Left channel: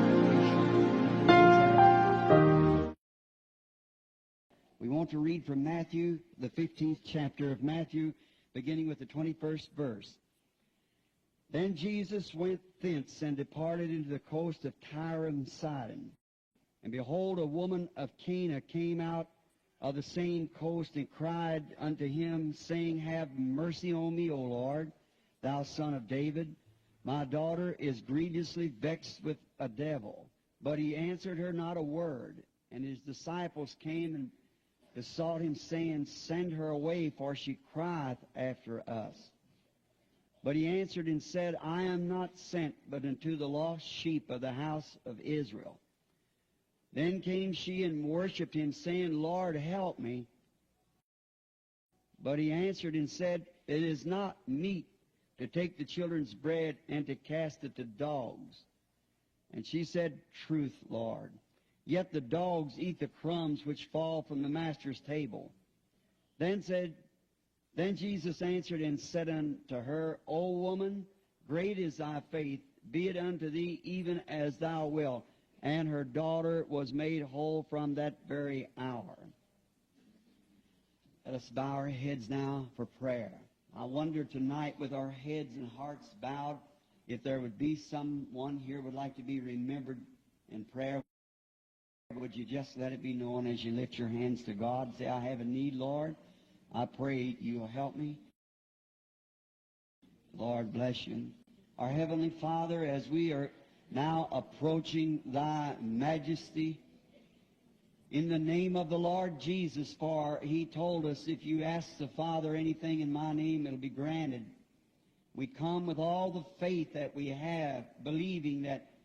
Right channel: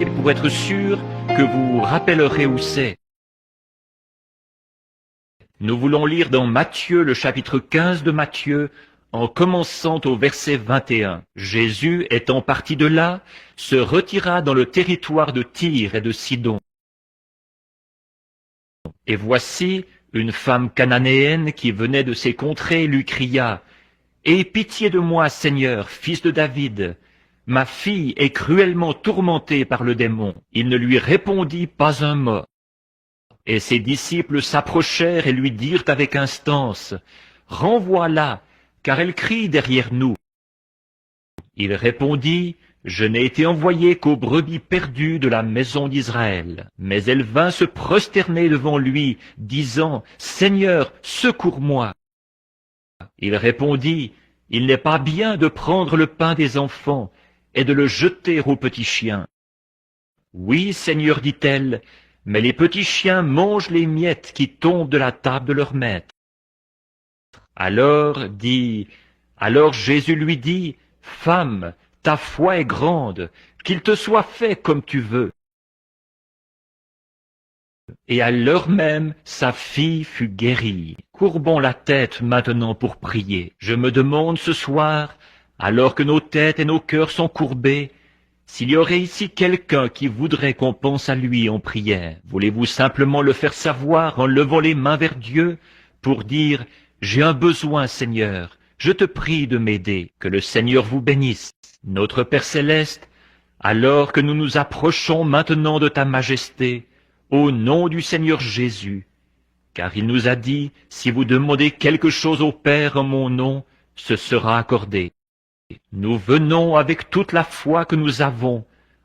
et pour être sûr que vous vous rappellerez où c'est. Nous voulons lire dans Matthieu, le chapitre 15 de Matthieu, en commençant au verset 21. Jésus, étant parti de là, se retira dans le territoire de Tyr et de Sidon. Et voici, une femme cananéenne qui venait de ces contrées lui cria, « Aie pitié de moi, Seigneur, fils de David. Ma fille est cruellement tourmentée par le démon. » Il ne lui répondit pas un mot. Et ses disciples s'approchèrent et lui dirent avec instance, « Renvoie-la, car elle crie derrière nous. » Il répondit, « Je n'ai été envoyé qu'aux brebis perdues de la maison d'Israël. » Mais elle vint se prosterner devant lui, disant, « Seigneur, secours-moi. » Il répondit, « Il n'est pas bien de prendre le pain des enfants et de le jeter aux petits chiens. » « Oui, Seigneur, dit-elle, mais les petits chiens mangent les miettes qui tombent de la table de leur maître. » Alors Jésus lui dit, « Femme, ta foi est grande, qu'il te soit fait comme tu veux. » Et à l'heure même, sa fille fut guérie. Courbons la tête maintenant pour prier. Je me demande ce soir, alors que nos têtes et nos cœurs sont courbés, s'il y aurait ici quelqu'un qui voudrait qu'on pense à lui en prière. Voulez-vous simplement le faire savoir en levant les mains vers Dieu pour dire « J'ai un besoin, Seigneur, je te prie de m'aider, que le Seigneur vous bénisse. » Notre Père Céleste, alors que nous nous approchons maintenant de ta majesté, au nom du Seigneur Jésus, car il nous a dit « Si vous demandez quelque chose au Père en mon nom, ce sera accordé. » Nous venons avec toute la foi que nous avons,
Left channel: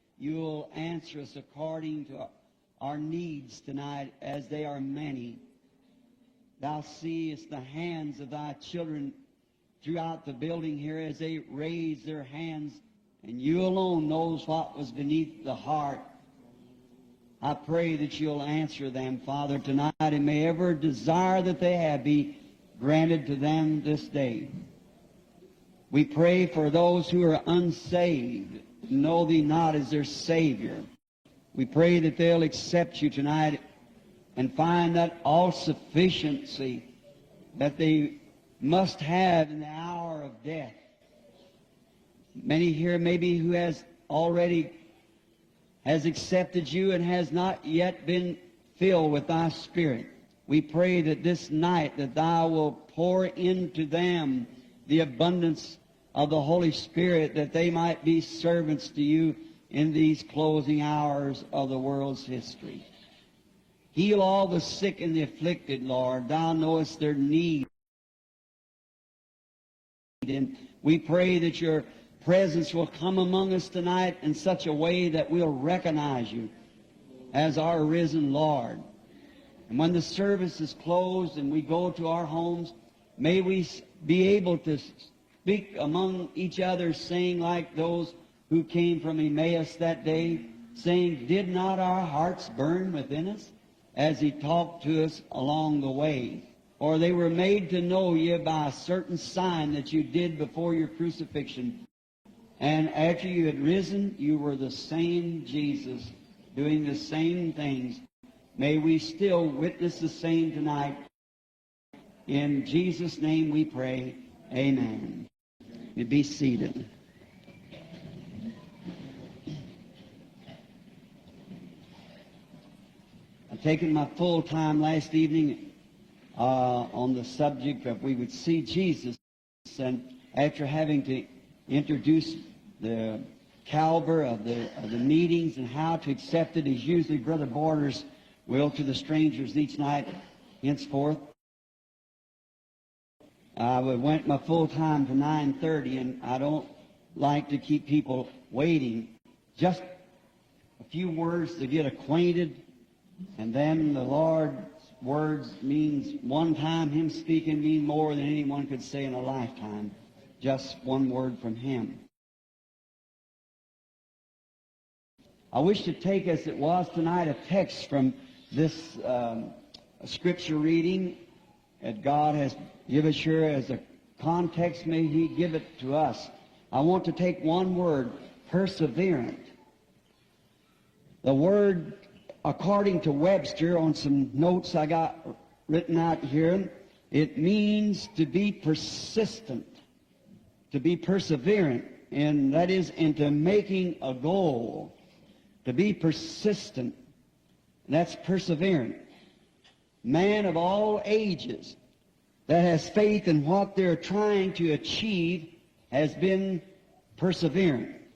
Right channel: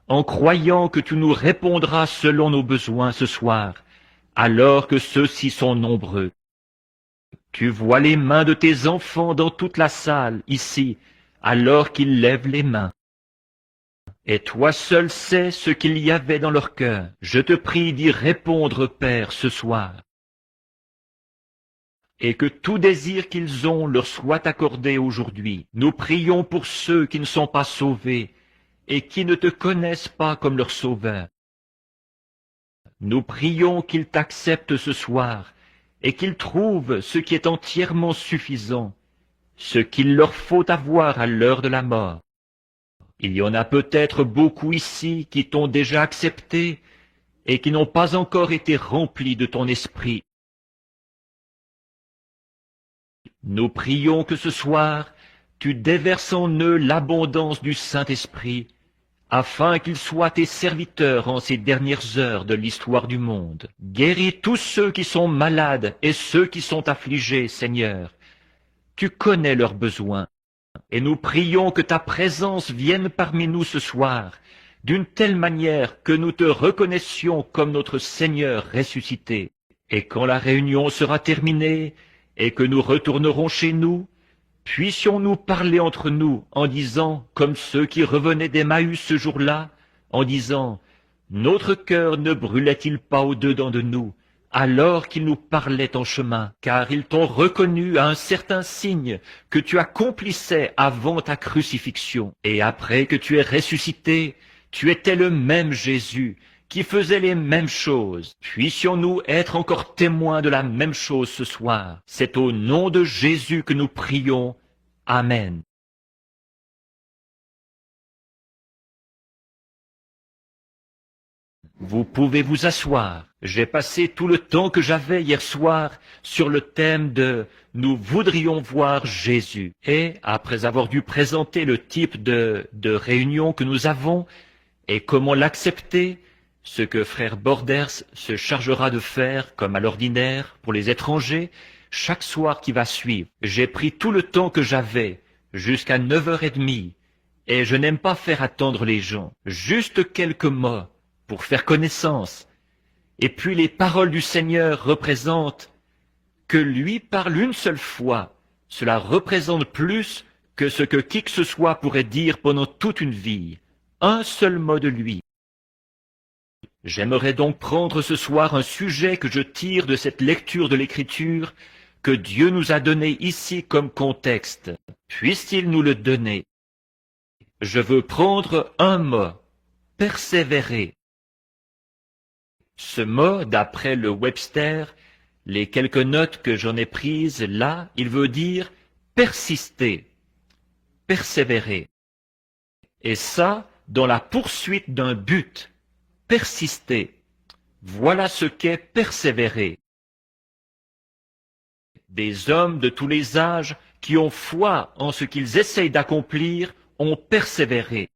en croyant que tu nous répondras selon nos besoins ce soir, alors que ceux-ci sont nombreux. Tu vois les mains de tes enfants dans toute la salle, ici, alors qu'ils lèvent les mains. Et toi seul sais ce qu'il y avait dans leur cœur. Je te prie d'y répondre, Père, ce soir, et que tout désir qu'ils ont leur soit accordé aujourd'hui. Nous prions pour ceux qui ne sont pas sauvés et qui ne te connaissent pas comme leur Sauveur. Nous prions qu'ils t'acceptent ce soir et qu'ils trouvent ce qui est entièrement suffisant, ce qu'il leur faut avoir à l'heure de la mort. Il y en a peut-être beaucoup ici qui t'ont déjà accepté et qui n'ont pas encore été remplis de ton esprit. Nous prions que ce soir, tu déverses en eux l'abondance du Saint-Esprit, afin qu'ils soient tes serviteurs en ces dernières heures de l'histoire du monde. Guéris tous ceux qui sont malades et ceux qui sont affligés, Seigneur. Tu connais leurs besoins. Et nous prions que ta présence vienne parmi nous ce soir, d'une telle manière que nous te reconnaissions comme notre Seigneur ressuscité. Et quand la réunion sera terminée et que nous retournerons chez nous, puissions-nous parler entre nous en disant, comme ceux qui revenaient d'Emmaüs ce jour-là, en disant, « Notre cœur ne brûlait-il pas au-dedans de nous, alors qu'ils nous parlaient en chemin, car ils t'ont reconnu à un certain signe que tu accomplissais avant ta crucifixion. Et après que tu es ressuscité, tu étais le même Jésus, qui faisait les mêmes choses. Puissions-nous être encore témoins de la même chose ce soir. C'est au nom de Jésus que nous prions. Amen. Vous pouvez vous asseoir. J'ai passé tout le temps que j'avais hier soir sur le thème de « Nous voudrions voir Jésus ». Et après avoir dû présenter le type de réunion que nous avons et comment l'accepter, ce que frère Borders se chargera de faire comme à l'ordinaire pour les étrangers, chaque soir qui va suivre, j'ai pris tout le temps que j'avais jusqu'à 9h30. Et je n'aime pas faire attendre les gens, juste quelques mots pour faire connaissance. Et puis les paroles du Seigneur représentent que lui parle une seule fois. Cela représente plus que ce que qui que ce soit pourrait dire pendant toute une vie. Un seul mot de lui. J'aimerais donc prendre ce soir un sujet que je tire de cette lecture de l'Écriture que Dieu nous a donné ici comme contexte. Puisse-t-il nous le donner? Je veux prendre un mot, persévérer. Ce mot, d'après le Webster, les quelques notes que j'en ai prises là, il veut dire persister, persévérer. Et ça, dans la poursuite d'un but, persister. Voilà ce qu'est persévérer. Des hommes de tous les âges qui ont foi en ce qu'ils essayent d'accomplir ont persévéré.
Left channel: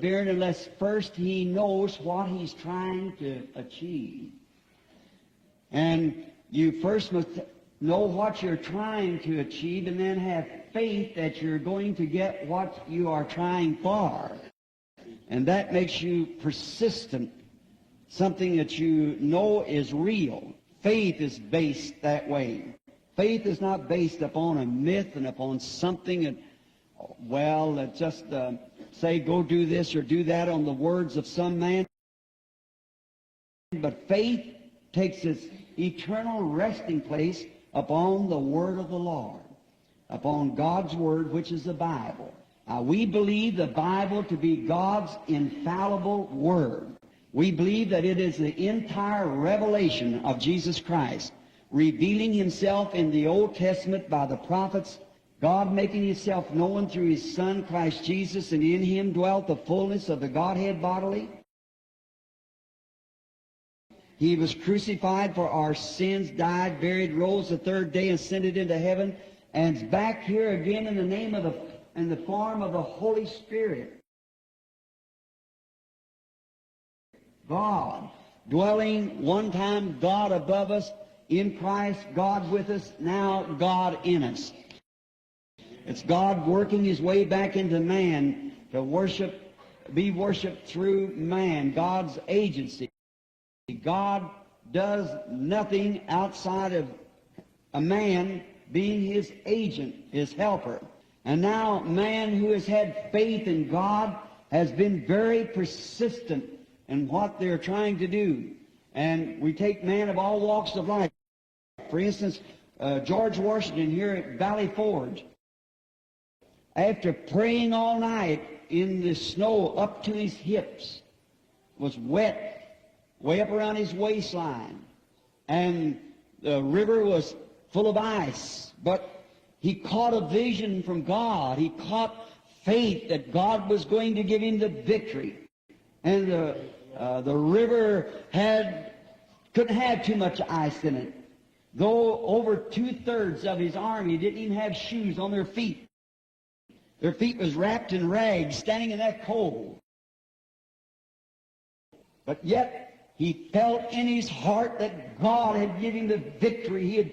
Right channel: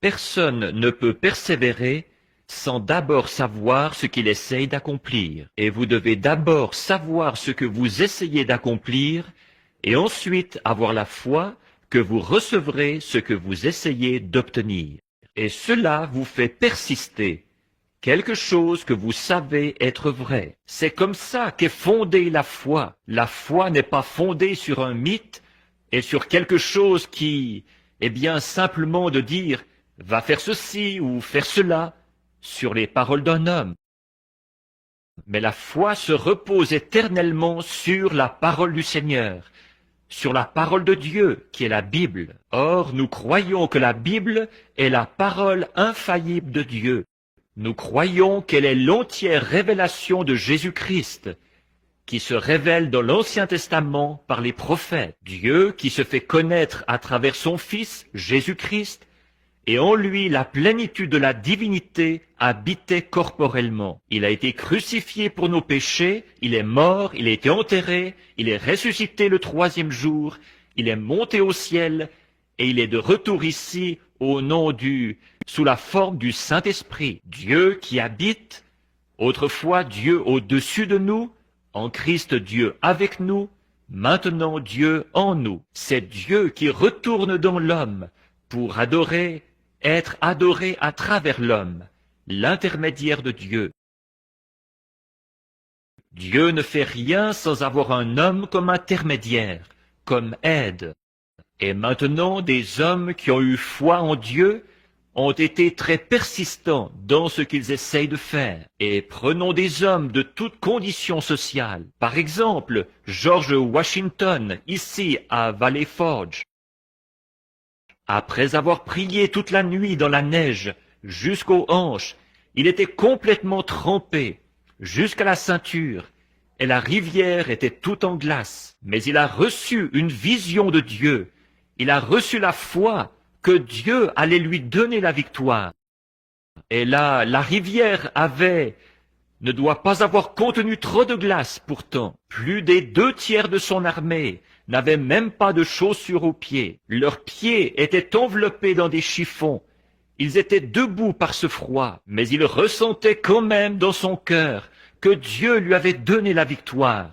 Personne ne peut persévérer sans d'abord savoir ce qu'il essaye d'accomplir. Et vous devez d'abord savoir ce que vous essayez d'accomplir et ensuite avoir la foi que vous recevrez ce que vous essayez d'obtenir. Et cela vous fait persister. Quelque chose que vous savez être vrai. C'est comme ça qu'est fondée la foi. La foi n'est pas fondée sur un mythe et sur quelque chose qui, eh bien, simplement de dire « va faire ceci ou faire cela » sur les paroles d'un homme. Mais la foi se repose éternellement sur la parole du Seigneur, sur la parole de Dieu, qui est la Bible. Or, nous croyons que la Bible est la parole infaillible de Dieu. Nous croyons qu'elle est l'entière révélation de Jésus-Christ, qui se révèle dans l'Ancien Testament par les prophètes. Dieu qui se fait connaître à travers son Fils, Jésus-Christ, et en lui la plénitude de la divinité habitait corporellement. Il a été crucifié pour nos péchés, il est mort, il a été enterré, il est ressuscité le troisième jour, il est monté au ciel, et il est de retour ici au nom sous la forme du Saint-Esprit, Dieu qui habite, autrefois Dieu au-dessus de nous, en Christ Dieu avec nous, maintenant Dieu en nous. C'est Dieu qui retourne dans l'homme pour adorer, être adoré à travers l'homme, l'intermédiaire de Dieu. Dieu ne fait rien sans avoir un homme comme intermédiaire, comme aide. Et maintenant, des hommes qui ont eu foi en Dieu ont été très persistants dans ce qu'ils essayent de faire. Et prenons des hommes de toutes conditions sociales. Par exemple, George Washington, ici à Valley Forge. Après avoir prié toute la nuit dans la neige, jusqu'aux hanches, il était complètement trempé, jusqu'à la ceinture. Et la rivière était toute en glace. Mais il a reçu une vision de Dieu. Il a reçu la foi que Dieu allait lui donner la victoire. Et là, la rivière ne doit pas avoir contenu trop de glace. Pourtant, plus des 2/3 de son armée n'avaient même pas de chaussures aux pieds. Leurs pieds étaient enveloppés dans des chiffons. Ils étaient debout par ce froid, mais il ressentait quand même dans son cœur que Dieu lui avait donné la victoire.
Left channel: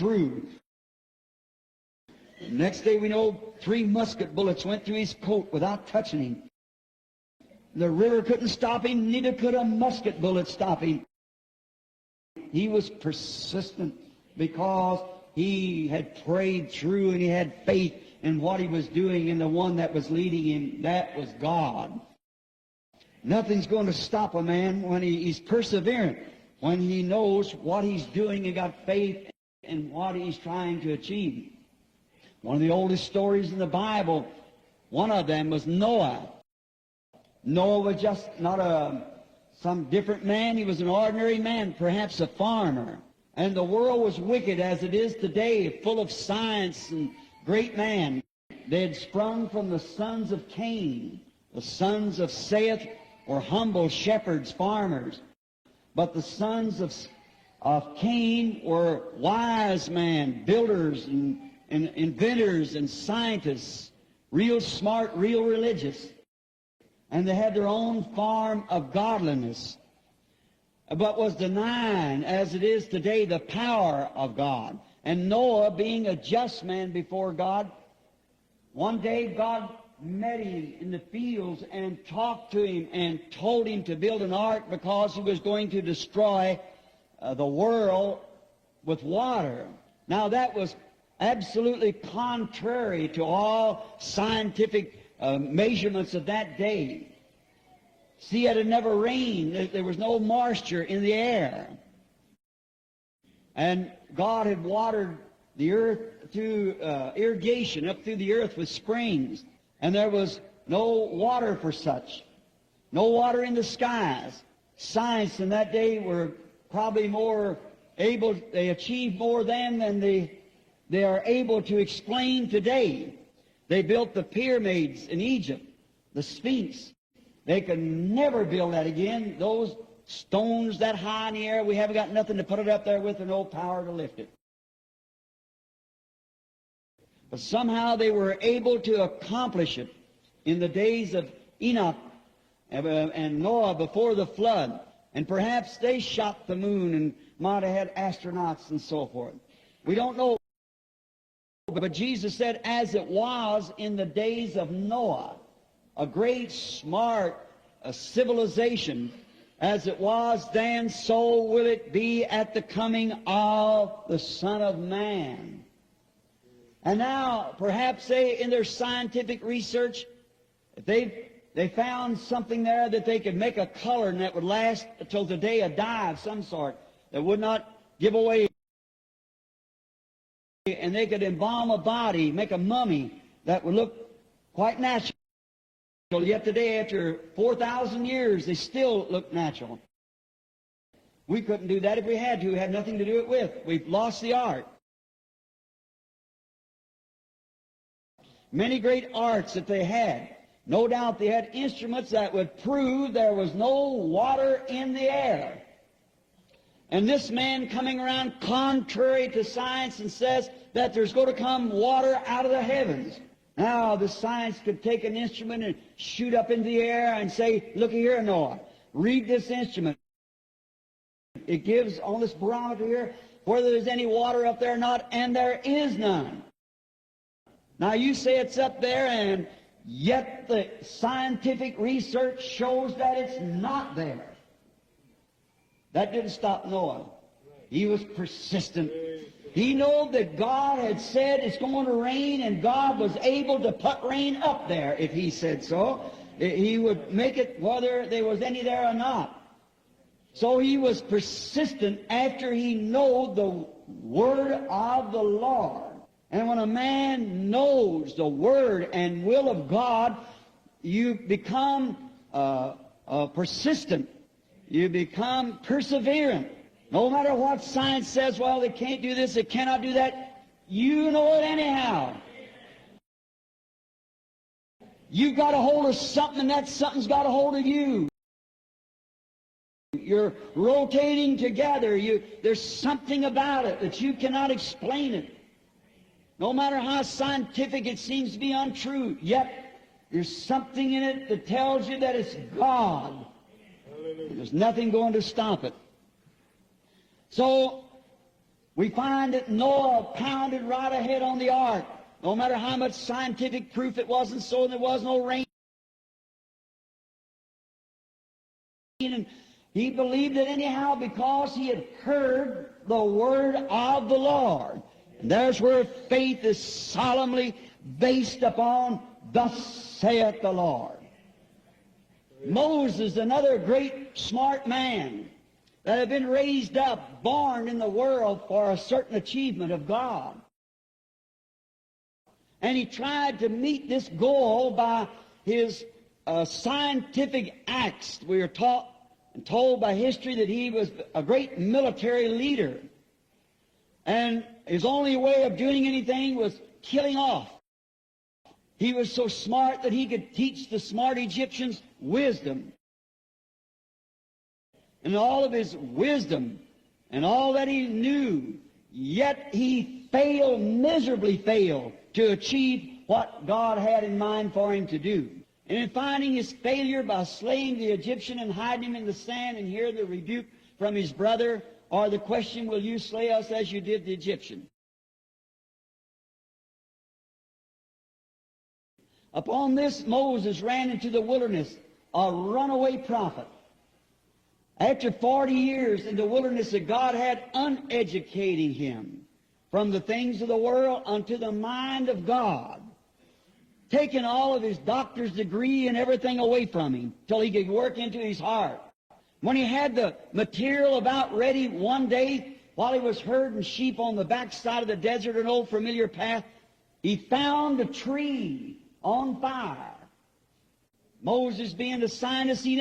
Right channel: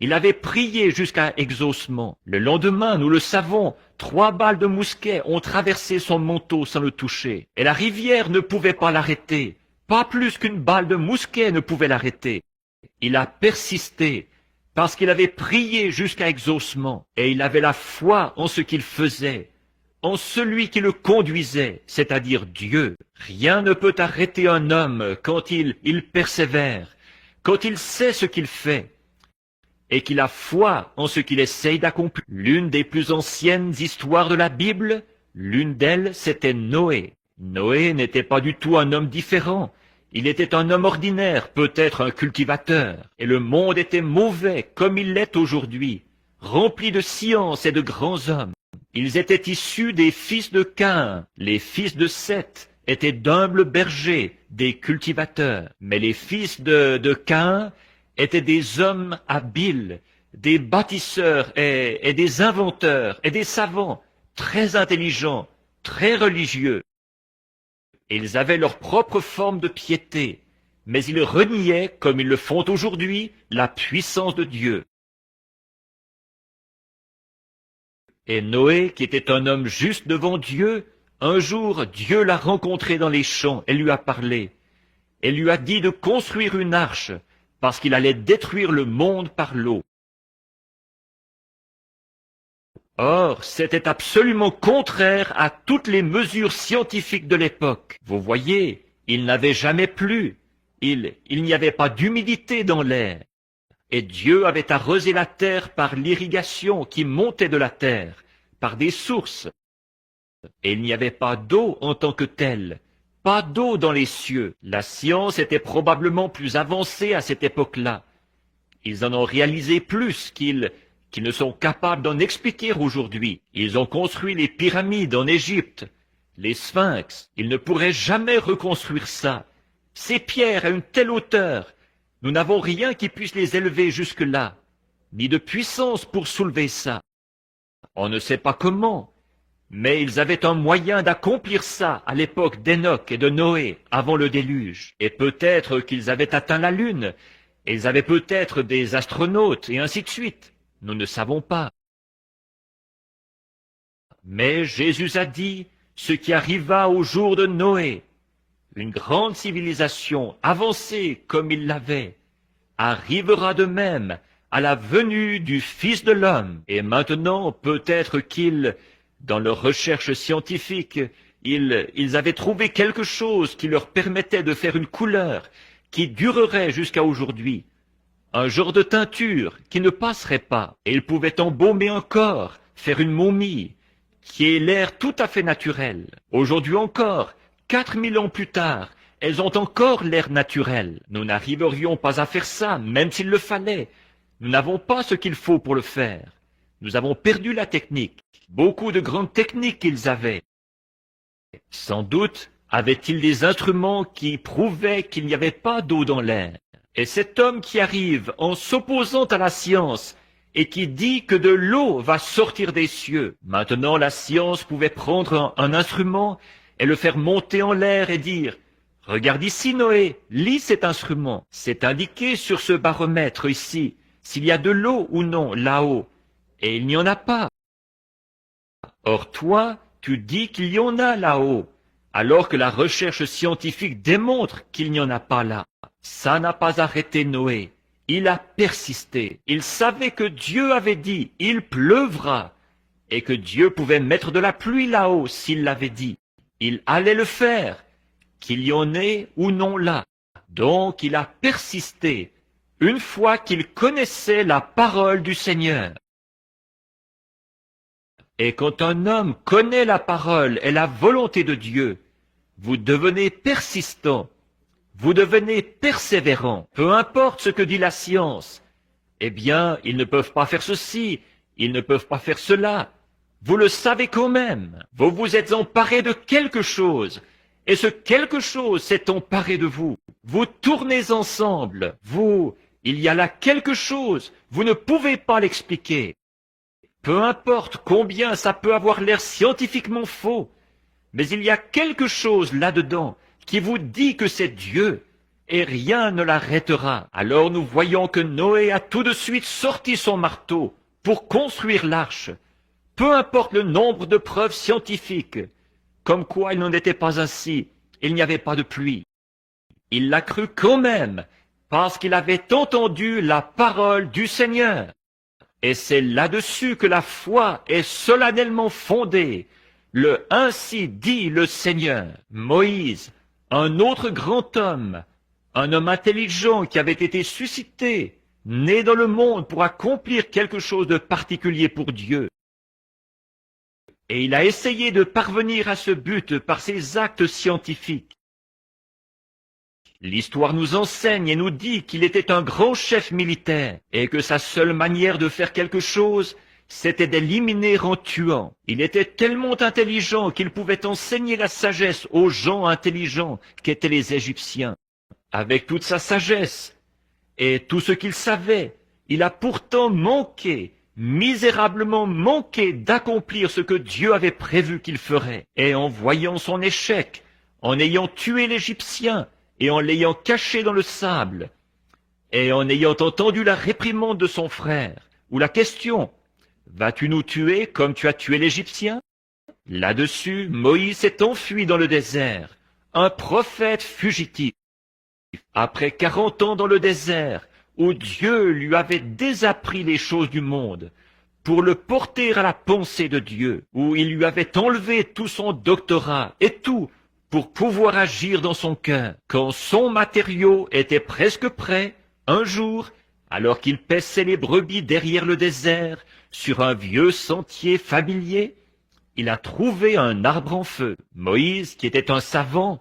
Il avait prié jusqu'à exaucement. Le lendemain, nous le savons, 3 balles de mousquet ont traversé son manteau sans le toucher. Et la rivière ne pouvait pas l'arrêter. Pas plus qu'une balle de mousquet ne pouvait l'arrêter. Il a persisté parce qu'il avait prié jusqu'à exaucement. Et il avait la foi en ce qu'il faisait, en celui qui le conduisait, c'est-à-dire Dieu. Rien ne peut arrêter un homme quand il persévère, quand il sait ce qu'il fait et qu'il a foi en ce qu'il essaye d'accomplir. L'une des plus anciennes histoires de la Bible, l'une d'elles, c'était Noé. Noé n'était pas du tout un homme différent. Il était un homme ordinaire, peut-être un cultivateur. Et le monde était mauvais, comme il l'est aujourd'hui, rempli de science et de grands hommes. Ils étaient issus des fils de Caïn. Les fils de Seth étaient d'humbles bergers, des cultivateurs. Mais les fils de Caïn étaient des hommes habiles, des bâtisseurs et des inventeurs et des savants, très intelligents, très religieux. Ils avaient leur propre forme de piété, mais ils reniaient, comme ils le font aujourd'hui, la puissance de Dieu. Et Noé, qui était un homme juste devant Dieu, un jour, Dieu l'a rencontré dans les champs et lui a parlé, et lui a dit de construire une arche, parce qu'il allait détruire le monde par l'eau. Or, c'était absolument contraire à toutes les mesures scientifiques de l'époque. Vous voyez, il n'avait jamais plu. Il n'y avait pas d'humidité dans l'air. Et Dieu avait arrosé la terre par l'irrigation qui montait de la terre, par des sources. Et il n'y avait pas d'eau en tant que telle, pas d'eau dans les cieux. La science était probablement plus avancée à cette époque-là. Ils en ont réalisé plus qu'ils ne sont capables d'en expliquer aujourd'hui. Ils ont construit les pyramides en Égypte, les sphinx. Ils ne pourraient jamais reconstruire ça. Ces pierres à une telle hauteur, nous n'avons rien qui puisse les élever jusque-là, ni de puissance pour soulever ça. On ne sait pas comment, mais ils avaient un moyen d'accomplir ça à l'époque d'Enoch et de Noé, avant le déluge. Et peut-être qu'ils avaient atteint la Lune, et ils avaient peut-être des astronautes, et ainsi de suite. Nous ne savons pas. Mais Jésus a dit ce qui arriva au jour de Noé, une grande civilisation avancée comme il l'avait, arrivera de même à la venue du Fils de l'homme. Et maintenant, peut-être qu'ils, dans leurs recherches scientifiques, ils avaient trouvé quelque chose qui leur permettait de faire une couleur qui durerait jusqu'à aujourd'hui. Un genre de teinture qui ne passerait pas. Et ils pouvaient embaumer encore, faire une momie, qui est l'air tout à fait naturel. Aujourd'hui encore, 4000 ans plus tard, elles ont encore l'air naturel. Nous n'arriverions pas à faire ça, même s'il le fallait. Nous n'avons pas ce qu'il faut pour le faire. Nous avons perdu la technique. Beaucoup de grandes techniques qu'ils avaient. Sans doute avaient-ils des instruments qui prouvaient qu'il n'y avait pas d'eau dans l'air. Et cet homme qui arrive en s'opposant à la science et qui dit que de l'eau va sortir des cieux. Maintenant, la science pouvait prendre un instrument et le faire monter en l'air et dire « Regarde ici, Noé, lis cet instrument. C'est indiqué sur ce baromètre ici, s'il y a de l'eau ou non là-haut. » Et il n'y en a pas. Or toi, tu dis qu'il y en a là-haut, alors que la recherche scientifique démontre qu'il n'y en a pas là. Ça n'a pas arrêté Noé. Il a persisté. Il savait que Dieu avait dit « il pleuvra » et que Dieu pouvait mettre de la pluie là-haut s'il l'avait dit. Il allait le faire, qu'il y en ait ou non là. Donc il a persisté une fois qu'il connaissait la parole du Seigneur. Et quand un homme connaît la parole et la volonté de Dieu, vous devenez persistant. Vous devenez persévérant, peu importe ce que dit la science. Eh bien, ils ne peuvent pas faire ceci, ils ne peuvent pas faire cela. Vous le savez quand même. Vous vous êtes emparé de quelque chose, et ce quelque chose s'est emparé de vous. Vous tournez ensemble, il y a là quelque chose, vous ne pouvez pas l'expliquer. Peu importe combien ça peut avoir l'air scientifiquement faux, mais il y a quelque chose là-dedans qui vous dit que c'est Dieu, et rien ne l'arrêtera. Alors nous voyons que Noé a tout de suite sorti son marteau pour construire l'arche. Peu importe le nombre de preuves scientifiques, comme quoi il n'en était pas ainsi, il n'y avait pas de pluie. Il l'a cru quand même, parce qu'il avait entendu la parole du Seigneur. Et c'est là-dessus que la foi est solennellement fondée. Le « ainsi dit le Seigneur ». Moïse, un autre grand homme, un homme intelligent qui avait été suscité, né dans le monde pour accomplir quelque chose de particulier pour Dieu. Et il a essayé de parvenir à ce but par ses actes scientifiques. L'histoire nous enseigne et nous dit qu'il était un grand chef militaire et que sa seule manière de faire quelque chose, c'était d'éliminer en tuant. Il était tellement intelligent qu'il pouvait enseigner la sagesse aux gens intelligents qu'étaient les Égyptiens. Avec toute sa sagesse et tout ce qu'il savait, il a pourtant manqué, misérablement manqué d'accomplir ce que Dieu avait prévu qu'il ferait. Et en voyant son échec, en ayant tué l'Égyptien et en l'ayant caché dans le sable, et en ayant entendu la réprimande de son frère, ou la question, « Vas-tu nous tuer comme tu as tué l'Égyptien ?» Là-dessus, Moïse s'est enfui dans le désert, un prophète fugitif. Après 40 ans dans le désert, où Dieu lui avait désappris les choses du monde pour le porter à la pensée de Dieu, où il lui avait enlevé tout son doctorat et tout pour pouvoir agir dans son cœur. Quand son matériau était presque prêt, un jour, alors qu'il paissait les brebis derrière le désert, sur un vieux sentier familier, Il a trouvé un arbre en feu. Moïse, qui était un savant,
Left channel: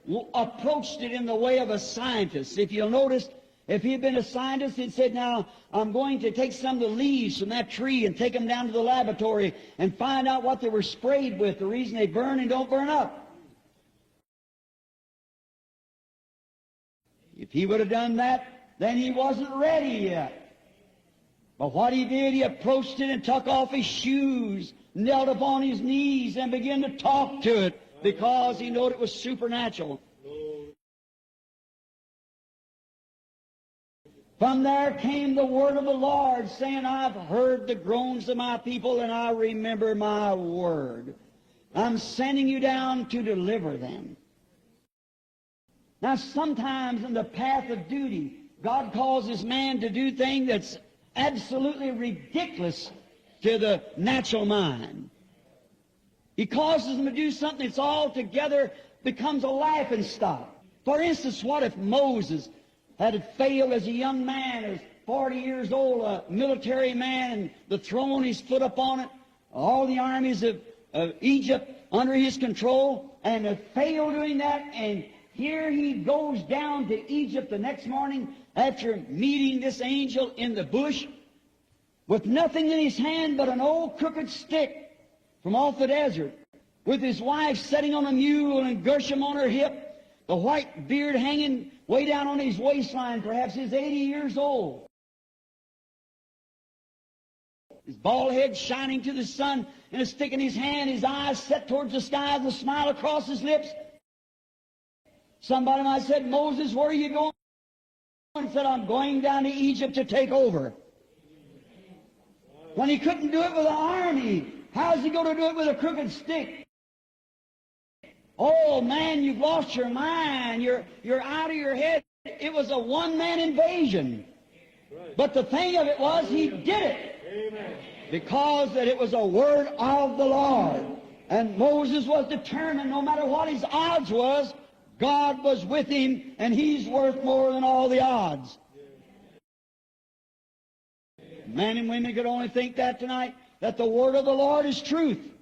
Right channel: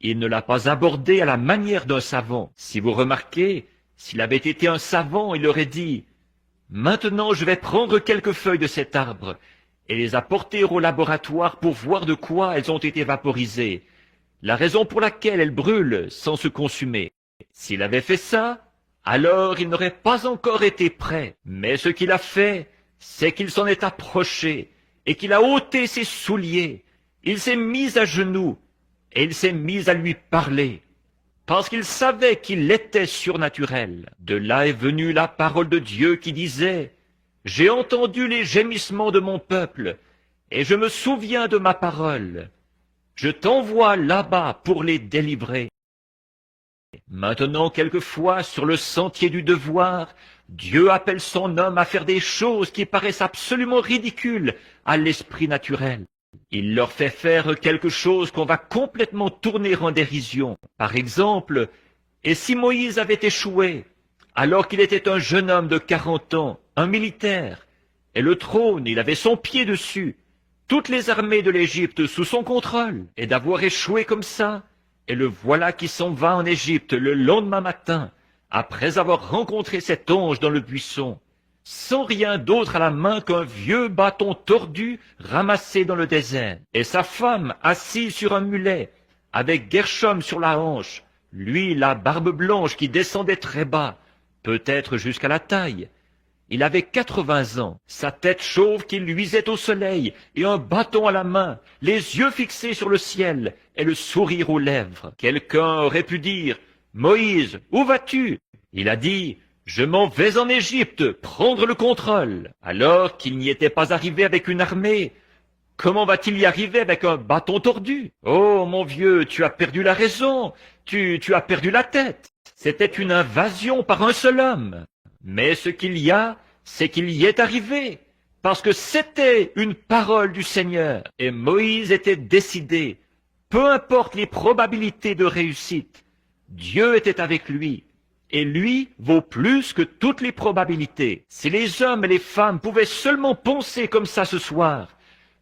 il ne l'a pas abordé à la manière d'un savant. Si vous remarquez, s'il avait été un savant, il aurait dit, « Maintenant, je vais prendre quelques feuilles de cet arbre et les apporter au laboratoire pour voir de quoi elles ont été vaporisées, la raison pour laquelle elles brûlent sans se consumer. » S'il avait fait ça, alors il n'aurait pas encore été prêt. Mais ce qu'il a fait, c'est qu'il s'en est approché et qu'il a ôté ses souliers. Il s'est mis à genoux et il s'est mis à lui parler, parce qu'il savait qu'il était surnaturel. De là est venue la parole de Dieu qui disait, « J'ai entendu les gémissements de mon peuple, et je me souviens de ma parole. Je t'envoie là-bas pour les délivrer. » Maintenant, quelquefois, sur le sentier du devoir, Dieu appelle son homme à faire des choses qui paraissent absolument ridicules à l'esprit naturel. Il leur fait faire quelque chose qu'on va complètement tourner en dérision. Par exemple, et si Moïse avait échoué, alors qu'il était un jeune homme de 40 ans, un militaire, et le trône, il avait son pied dessus, toutes les armées de l'Égypte sous son contrôle, et d'avoir échoué comme ça, et le voilà qui s'en va en Égypte le lendemain matin, après avoir rencontré cet ange dans le buisson, sans rien d'autre à la main qu'un vieux bâton tordu ramassé dans le désert, et sa femme assise sur un mulet, avec Gershom sur la hanche, lui la barbe blanche qui descendait très bas, peut-être jusqu'à la taille. Il avait 80 ans, sa tête chauve qui luisait au soleil, et un bâton à la main, les yeux fixés sur le ciel, et le sourire aux lèvres. Quelqu'un aurait pu dire, « Moïse, où vas-tu » Il a dit, « Je m'en vais en Égypte, prendre le contrôle. » Alors qu'il n'y était pas arrivé avec une armée, comment va-t-il y arriver avec un bâton tordu? Oh, mon vieux, tu as perdu la raison, tu as perdu la tête. C'était une invasion par un seul homme. Mais ce qu'il y a, c'est qu'il y est arrivé, parce que c'était une parole du Seigneur, et Moïse était décidé. Peu importe les probabilités de réussite, Dieu était avec lui, et lui vaut plus que toutes les probabilités. Si les hommes et les femmes pouvaient seulement penser comme ça ce soir,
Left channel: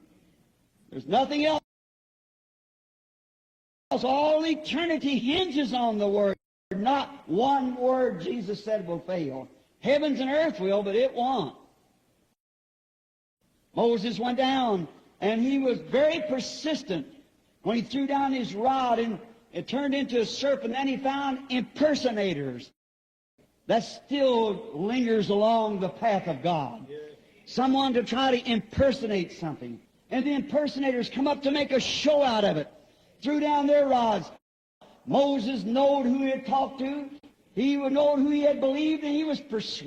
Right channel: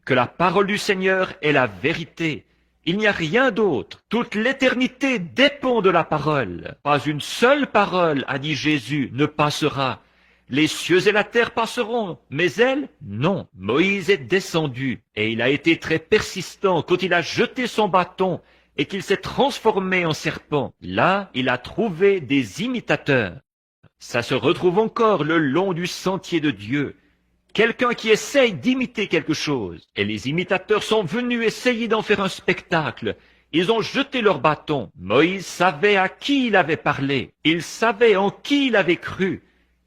que la parole du Seigneur est la vérité, il n'y a rien d'autre. Toute l'éternité dépend de la parole. Pas une seule parole, a dit Jésus, ne passera. Les cieux et la terre passeront, mais elle, non. Moïse est descendu, et il a été très persistant quand il a jeté son bâton et qu'il s'est transformé en serpent. Là, il a trouvé des imitateurs. Ça se retrouve encore le long du sentier de Dieu. Quelqu'un qui essaye d'imiter quelque chose. Et les imitateurs sont venus essayer d'en faire un spectacle. Ils ont jeté leur bâton. Moïse savait à qui il avait parlé. Il savait en qui il avait cru.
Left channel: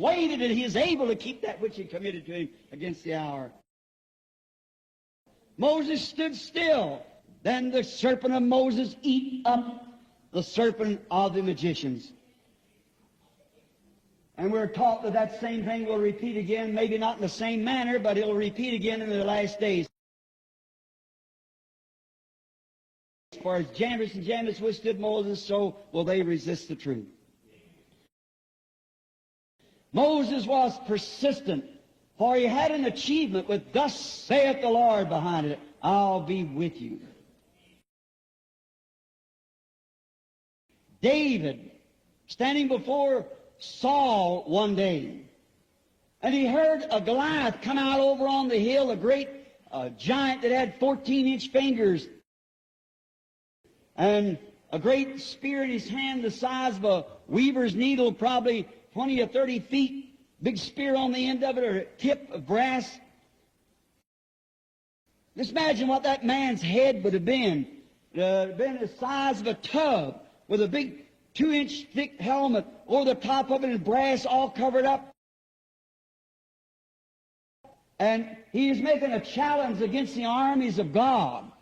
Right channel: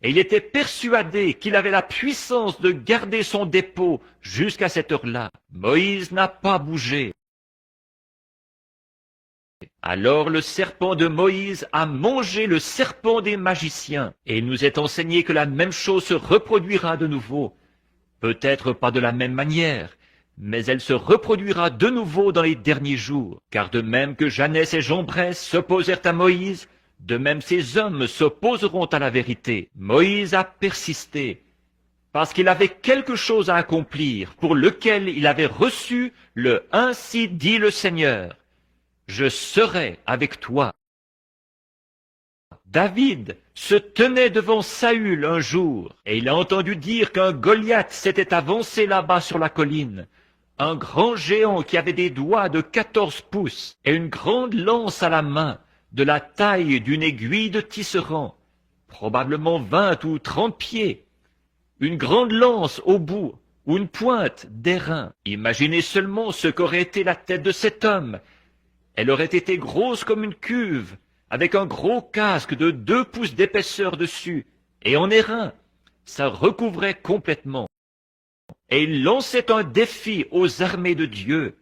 Et il était persuadé qu'il avait la puissance de garder son dépôt jusqu'à cette heure-là. Moïse n'a pas bougé. Alors le serpent de Moïse a mangé le serpent des magiciens. Et il nous est enseigné que la même chose se reproduira de nouveau. Peut-être pas de la même manière, mais elle se reproduira de nouveau dans les derniers jours. Car de même que Jannes et Jambres s'opposèrent à Moïse, de même ces hommes s'opposeront à la vérité. Moïse a persisté, parce qu'il avait quelque chose à accomplir, pour lequel il avait reçu le « Ainsi dit le Seigneur ». Je serai avec toi. David se tenait devant Saül un jour, et il a entendu dire qu'un Goliath s'était avancé là-bas sur la colline. Un grand géant qui avait des doigts de 14 pouces et une grande lance à la main, de la taille d'une aiguille de tisserand, probablement 20 ou 30 pieds, une grande lance au bout, ou une pointe d'airain. Imaginez seulement ce qu'aurait été la tête de cet homme. Elle aurait été grosse comme une cuve, avec un gros casque de 2 pouces d'épaisseur dessus, et en airain. Ça recouvrait complètement. Et il lançait un défi aux armées de Dieu.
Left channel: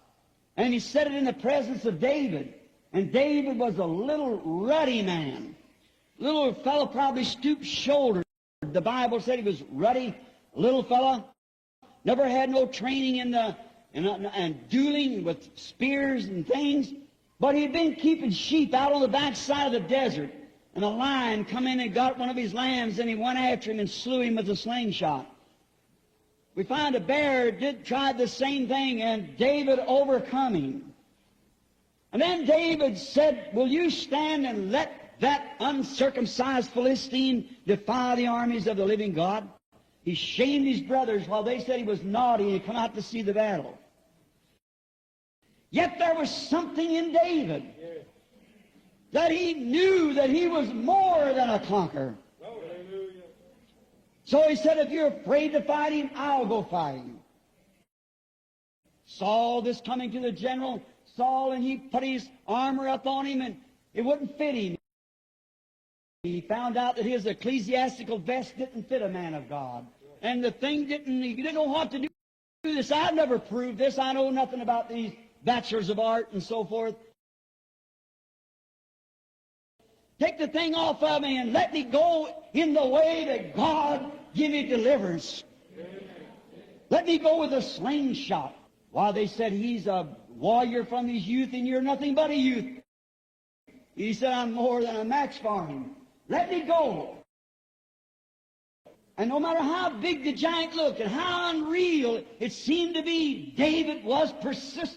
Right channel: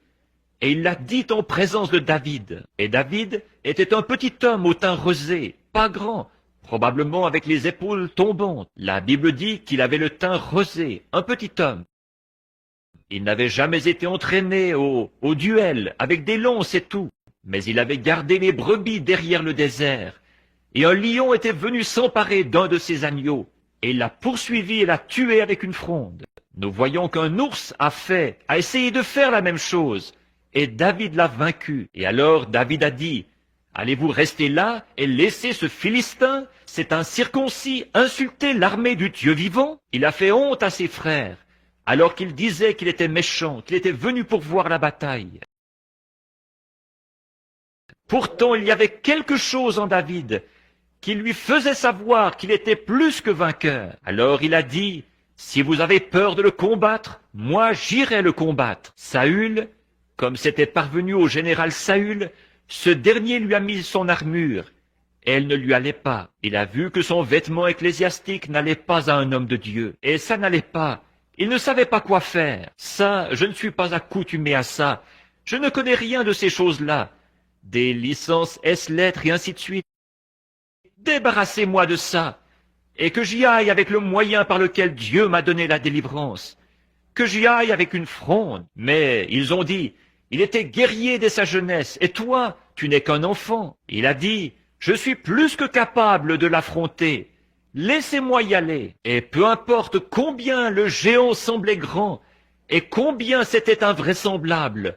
Et il l'a dit en présence de David. Et David était un petit homme au teint rosé, pas grand, probablement avec les épaules tombantes. La Bible dit qu'il avait le teint rosé, un petit homme. Il n'avait jamais été entraîné au duel, avec des lances et tout. Mais il avait gardé les brebis derrière le désert. Et un lion était venu s'emparer d'un de ses agneaux, et il l'a poursuivi et l'a tué avec une fronde. Nous voyons qu'un ours a essayé de faire la même chose, et David l'a vaincu. Et alors David a dit, « Allez-vous rester là et laisser ce Philistin, cet incirconcis, insulter l'armée du Dieu vivant ?» Il a fait honte à ses frères, alors qu'il disait qu'il était méchant, qu'il était venu pour voir la bataille. Pourtant, il y avait quelque chose en David qui lui faisait savoir qu'il était plus que vainqueur. Alors il a dit, « Si vous avez peur de le combattre, moi j'irai le combattre. » Saül, comme c'était parvenu au général Saül, ce dernier lui a mis son armure. Elle ne lui allait pas. Il a vu que son vêtement ecclésiastique n'allait pas à un homme de Dieu. Et ça n'allait pas. Il ne savait pas quoi faire. Ça, je ne suis pas accoutumé à ça. Je ne connais rien de ces choses-là. Des licences S-lettres et ainsi de suite. Débarrassez-moi de ça, et que j'y aille avec le moyen par lequel Dieu m'a donné la délivrance. Que j'y aille avec une fronde. Mais ils ont dit, il était guerrier dès sa jeunesse, et toi, tu n'es qu'un enfant. Il a dit, je suis plus que capable de l'affronter. Laissez-moi y aller. Et peu importe combien le géant semblait grand, et combien c'était invraisemblable,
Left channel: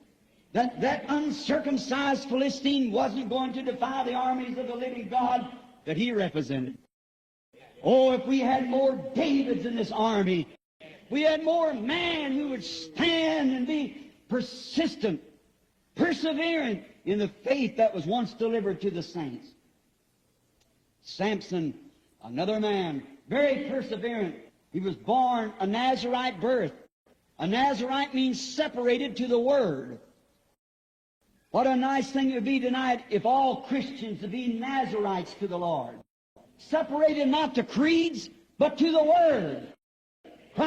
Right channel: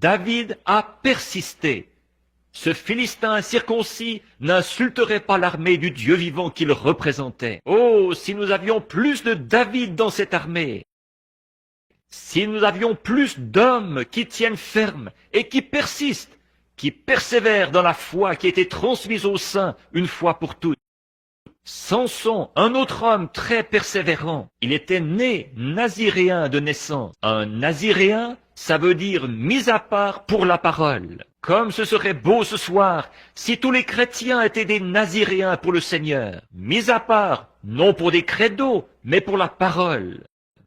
David a persisté. Ce Philistin incirconcis n'insulterait pas l'armée du Dieu vivant qu'il représentait. Oh, si nous avions plus de David dans cette armée! Si nous avions plus d'hommes qui tiennent ferme et qui persistent, qui persévèrent dans la foi qui a été transmise au sein une fois pour toutes. Samson, un autre homme très persévérant, il était né naziréen de naissance. Un naziréen, ça veut dire mis à part pour la parole. Comme ce serait beau ce soir si tous les chrétiens étaient des naziréens pour le Seigneur. Mis à part, non pour des credos, mais pour la parole.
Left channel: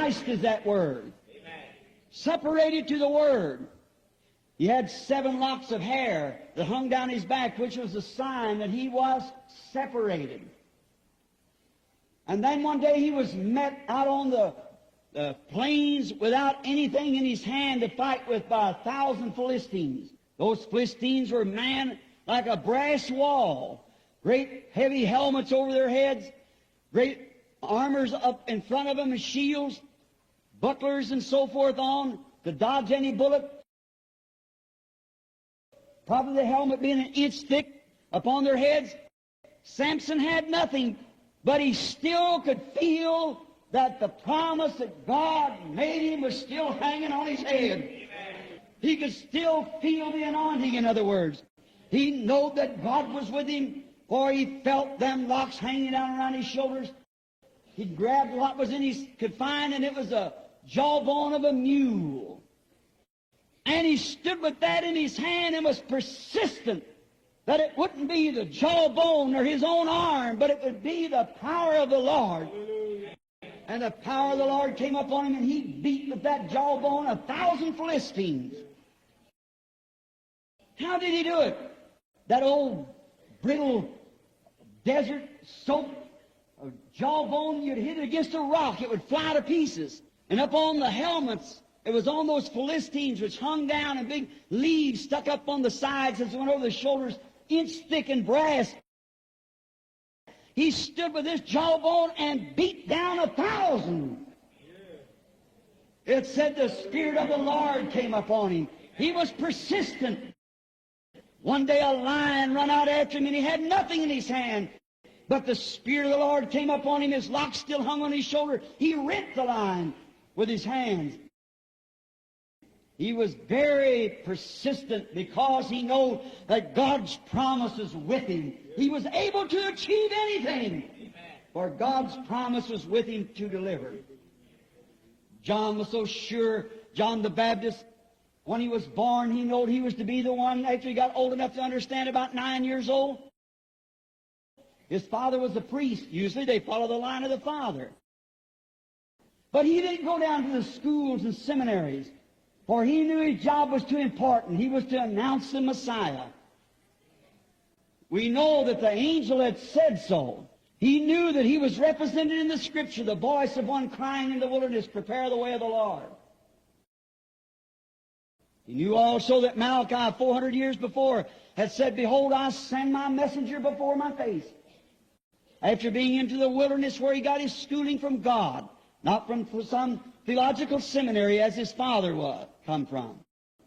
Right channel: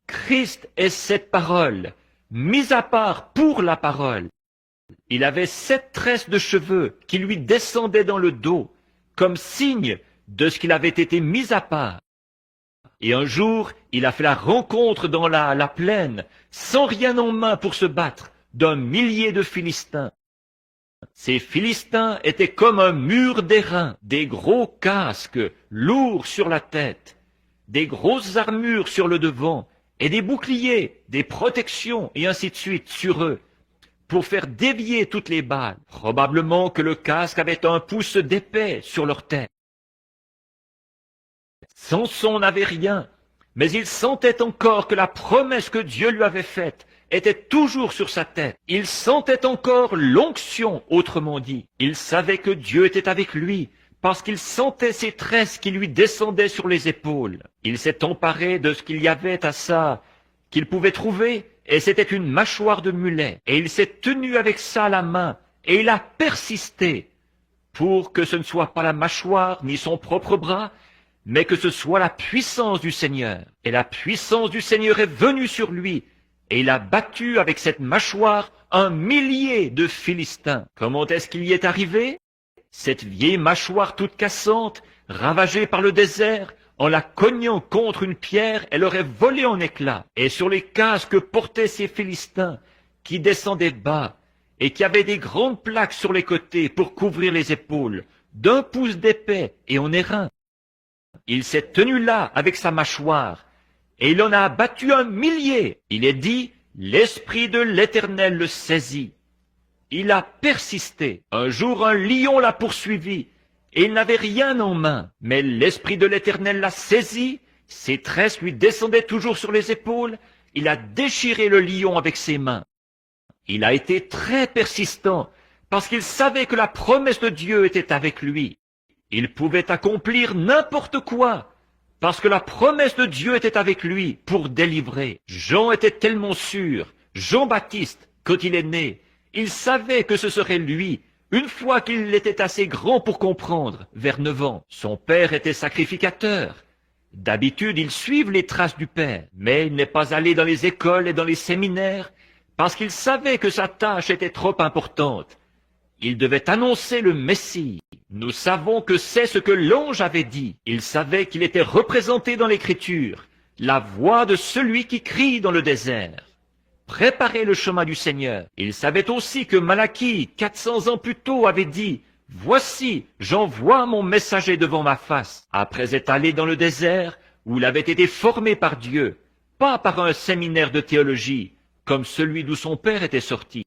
Christ est cette parole, mis à part pour la parole. Il avait 7 tresses de cheveux qui lui descendaient dans le dos, comme signe de ce qu'il avait été mis à part. Et un jour, il a fait la rencontre dans la plaine, sans rien en main pour se battre, d'un millier de Philistins. Ces Philistins étaient comme un mur d'airain, des gros casques, lourds sur la tête, des grosses armures sur le devant, et des boucliers, des protections, et ainsi de suite sur eux, pour faire dévier toutes les balles. Probablement que le casque avait un pouce d'épais sur leur tête. Samson n'avait rien, mais il sentait encore que la promesse que Dieu lui avait faite était toujours sur sa tête. Il sentait encore l'onction, autrement dit. Il savait que Dieu était avec lui, parce qu'il sentait ses tresses qui lui descendaient sur les épaules. Il s'est emparé de ce qu'il y avait à ça, qu'il pouvait trouver, et c'était une mâchoire de mulet. Et il s'est tenu avec ça à la main, et il a persisté pour que ce ne soit pas la mâchoire ni son propre bras, mais que ce soit la puissance du Seigneur. Et la puissance du Seigneur est venue sur lui, et il a battu avec cette mâchoire un millier de Philistins. Comment est-ce qu'il y est arrivé? Cette vieille mâchoire toute cassante, ravagée par le désert, en la cognant contre une pierre, elle aurait volé en éclats. Et sur les casques que portaient ces Philistins, qui descendaient bas, et qui avaient des grandes plaques sur les côtés pour couvrir les épaules, d'1 pouce d'épais et en airain. Il s'est tenu là avec sa mâchoire, et il en a abattu un millier. Il est dit, l'Esprit de l'Éternel le saisit. Il a persisté. Un jour, un lion l'a poursuivi, et il n'avait rien en main. Mais l'Esprit de l'Éternel l'a saisi, ses tresses lui descendaient toujours sur les épaules. Il a déchiré le lion avec ses mains. Il a été très persistant parce qu'il savait que la promesse de Dieu était avec lui. Il pouvait accomplir n'importe quoi parce que la promesse de Dieu était avec lui pour délivrer. Jean était tellement sûr, Jean-Baptiste, quand il est né, il savait que ce serait lui, une fois qu'il était assez grand pour comprendre, vers 9 ans. Son père était sacrificateur. D'habitude, ils suivent les traces du père, mais il n'est pas allé dans les écoles et dans les séminaires, parce qu'il savait que sa tâche était trop importante. Il devait annoncer le Messie. Nous savons que c'est ce que l'ange avait dit. Il savait qu'il était représenté dans l'Écriture, la voix de celui qui crie dans le désert. Préparez le chemin du Seigneur. Il savait aussi que Malachie, 400 ans plus tôt, avait dit, « Voici, j'envoie mon messager devant ma face. » Après être allé dans le désert, où il avait été formé par Dieu, pas par un séminaire de théologie, comme celui d'où son père était sorti.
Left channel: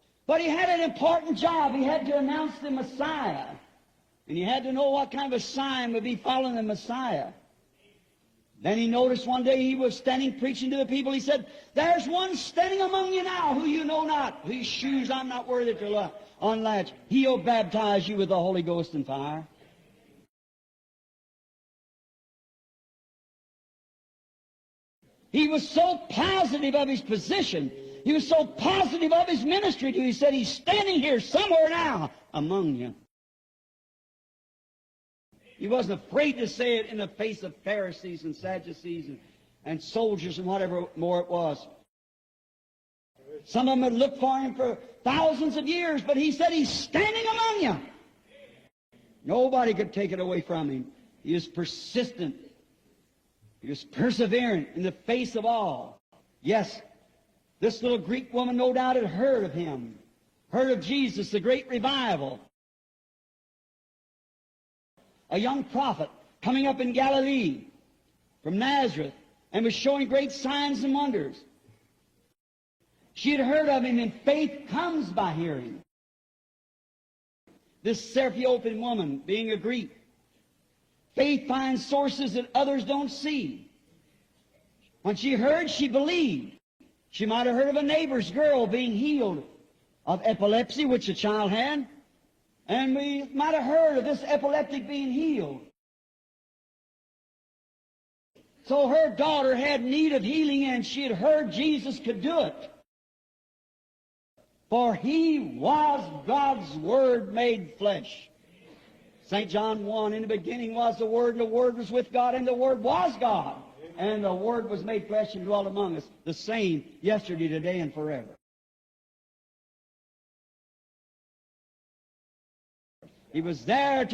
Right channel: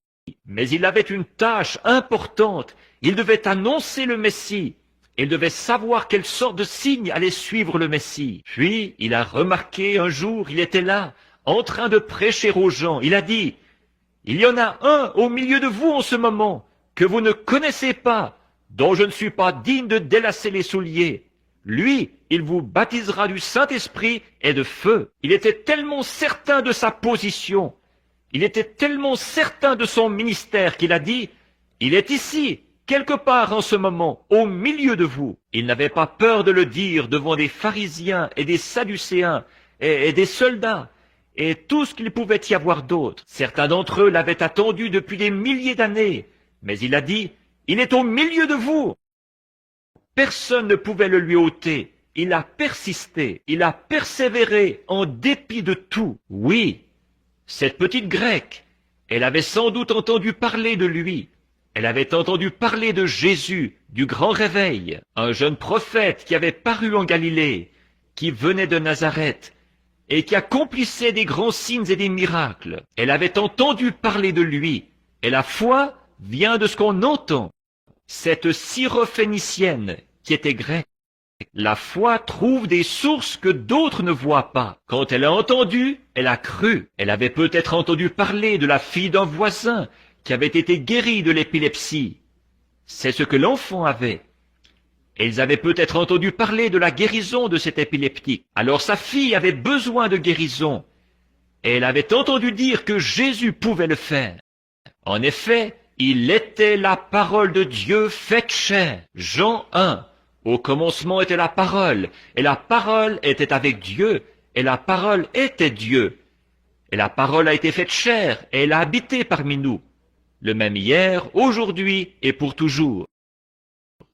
Mais il avait une tâche importante. Il devait annoncer le Messie. Il devait savoir quelle sorte de signe allait suivre le Messie. Puis, il a remarqué un jour, il était là, en train de prêcher aux gens. Il a dit, « Il y en a un au milieu de vous en ce moment que vous ne connaissez pas, dont je ne suis pas digne de délacer les souliers. Lui, il vous baptisera du Saint-Esprit et de feu. » Il était tellement certain de sa position. Il était tellement certain de son ministère qu'il a dit, « Il est ici, quelque part en ce moment, au milieu de vous. » Il n'avait pas peur de le dire devant des pharisiens et des sadducéens et des soldats et tout ce qu'il pouvait y avoir d'autre. Certains d'entre eux l'avaient attendu depuis des milliers d'années, mais il a dit, « Il est au milieu de vous. » Personne ne pouvait le lui ôter. Il a persisté, il a persévéré en dépit de tout. Oui. Cette petite grecque, elle avait sans doute entendu parler de lui. Elle avait entendu parler de Jésus, du grand réveil, un jeune prophète qui avait paru en Galilée, qui venait de Nazareth et qui accomplissait des grands signes et des miracles. Elle avait entendu parler de lui. Et la foi vient de ce qu'on entend. Cette syrophénicienne qui était grecque. La foi trouve des sources que d'autres ne voient pas. Quand elle a entendu, elle a cru. Elle avait peut-être entendu parler de la fille d'un voisin qui avait été guérie de l'épilepsie. C'est ce que l'enfant avait. Et ils avaient peut-être entendu parler de la guérison de cet épileptique. Alors sa fille avait besoin de guérison. Et elle avait entendu dire que Jésus pouvait le faire. En effet, il était la parole de Dieu faite chair. Jean 1. Au commencement était la parole, et la parole était avec Dieu, et la parole était Dieu. Et la parole a été faite chair, et elle a habité parmi nous. Le même hier, aujourd'hui et pour toujours.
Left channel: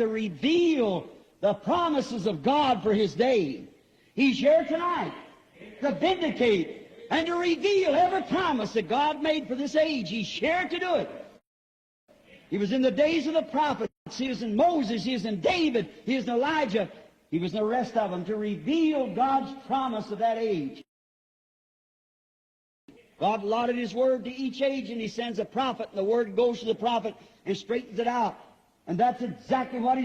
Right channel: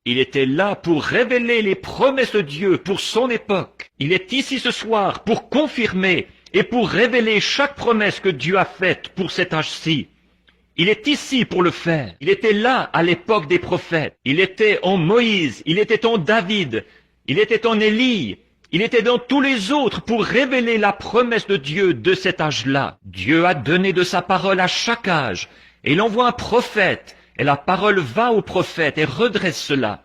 Il était là pour révéler les promesses de Dieu pour son époque. Il est ici ce soir pour confirmer et pour révéler chaque promesse que Dieu a faite pour cet âge-ci. Il est ici pour le faire. Il était là à l'époque des prophètes. Il était en Moïse, il était en David, il était en Élie, il était dans tous les autres pour révéler la promesse de Dieu de cet âge-là. Dieu a donné de sa parole à chaque âge. Et il envoie un prophète. Et la parole va au prophète et redresse cela.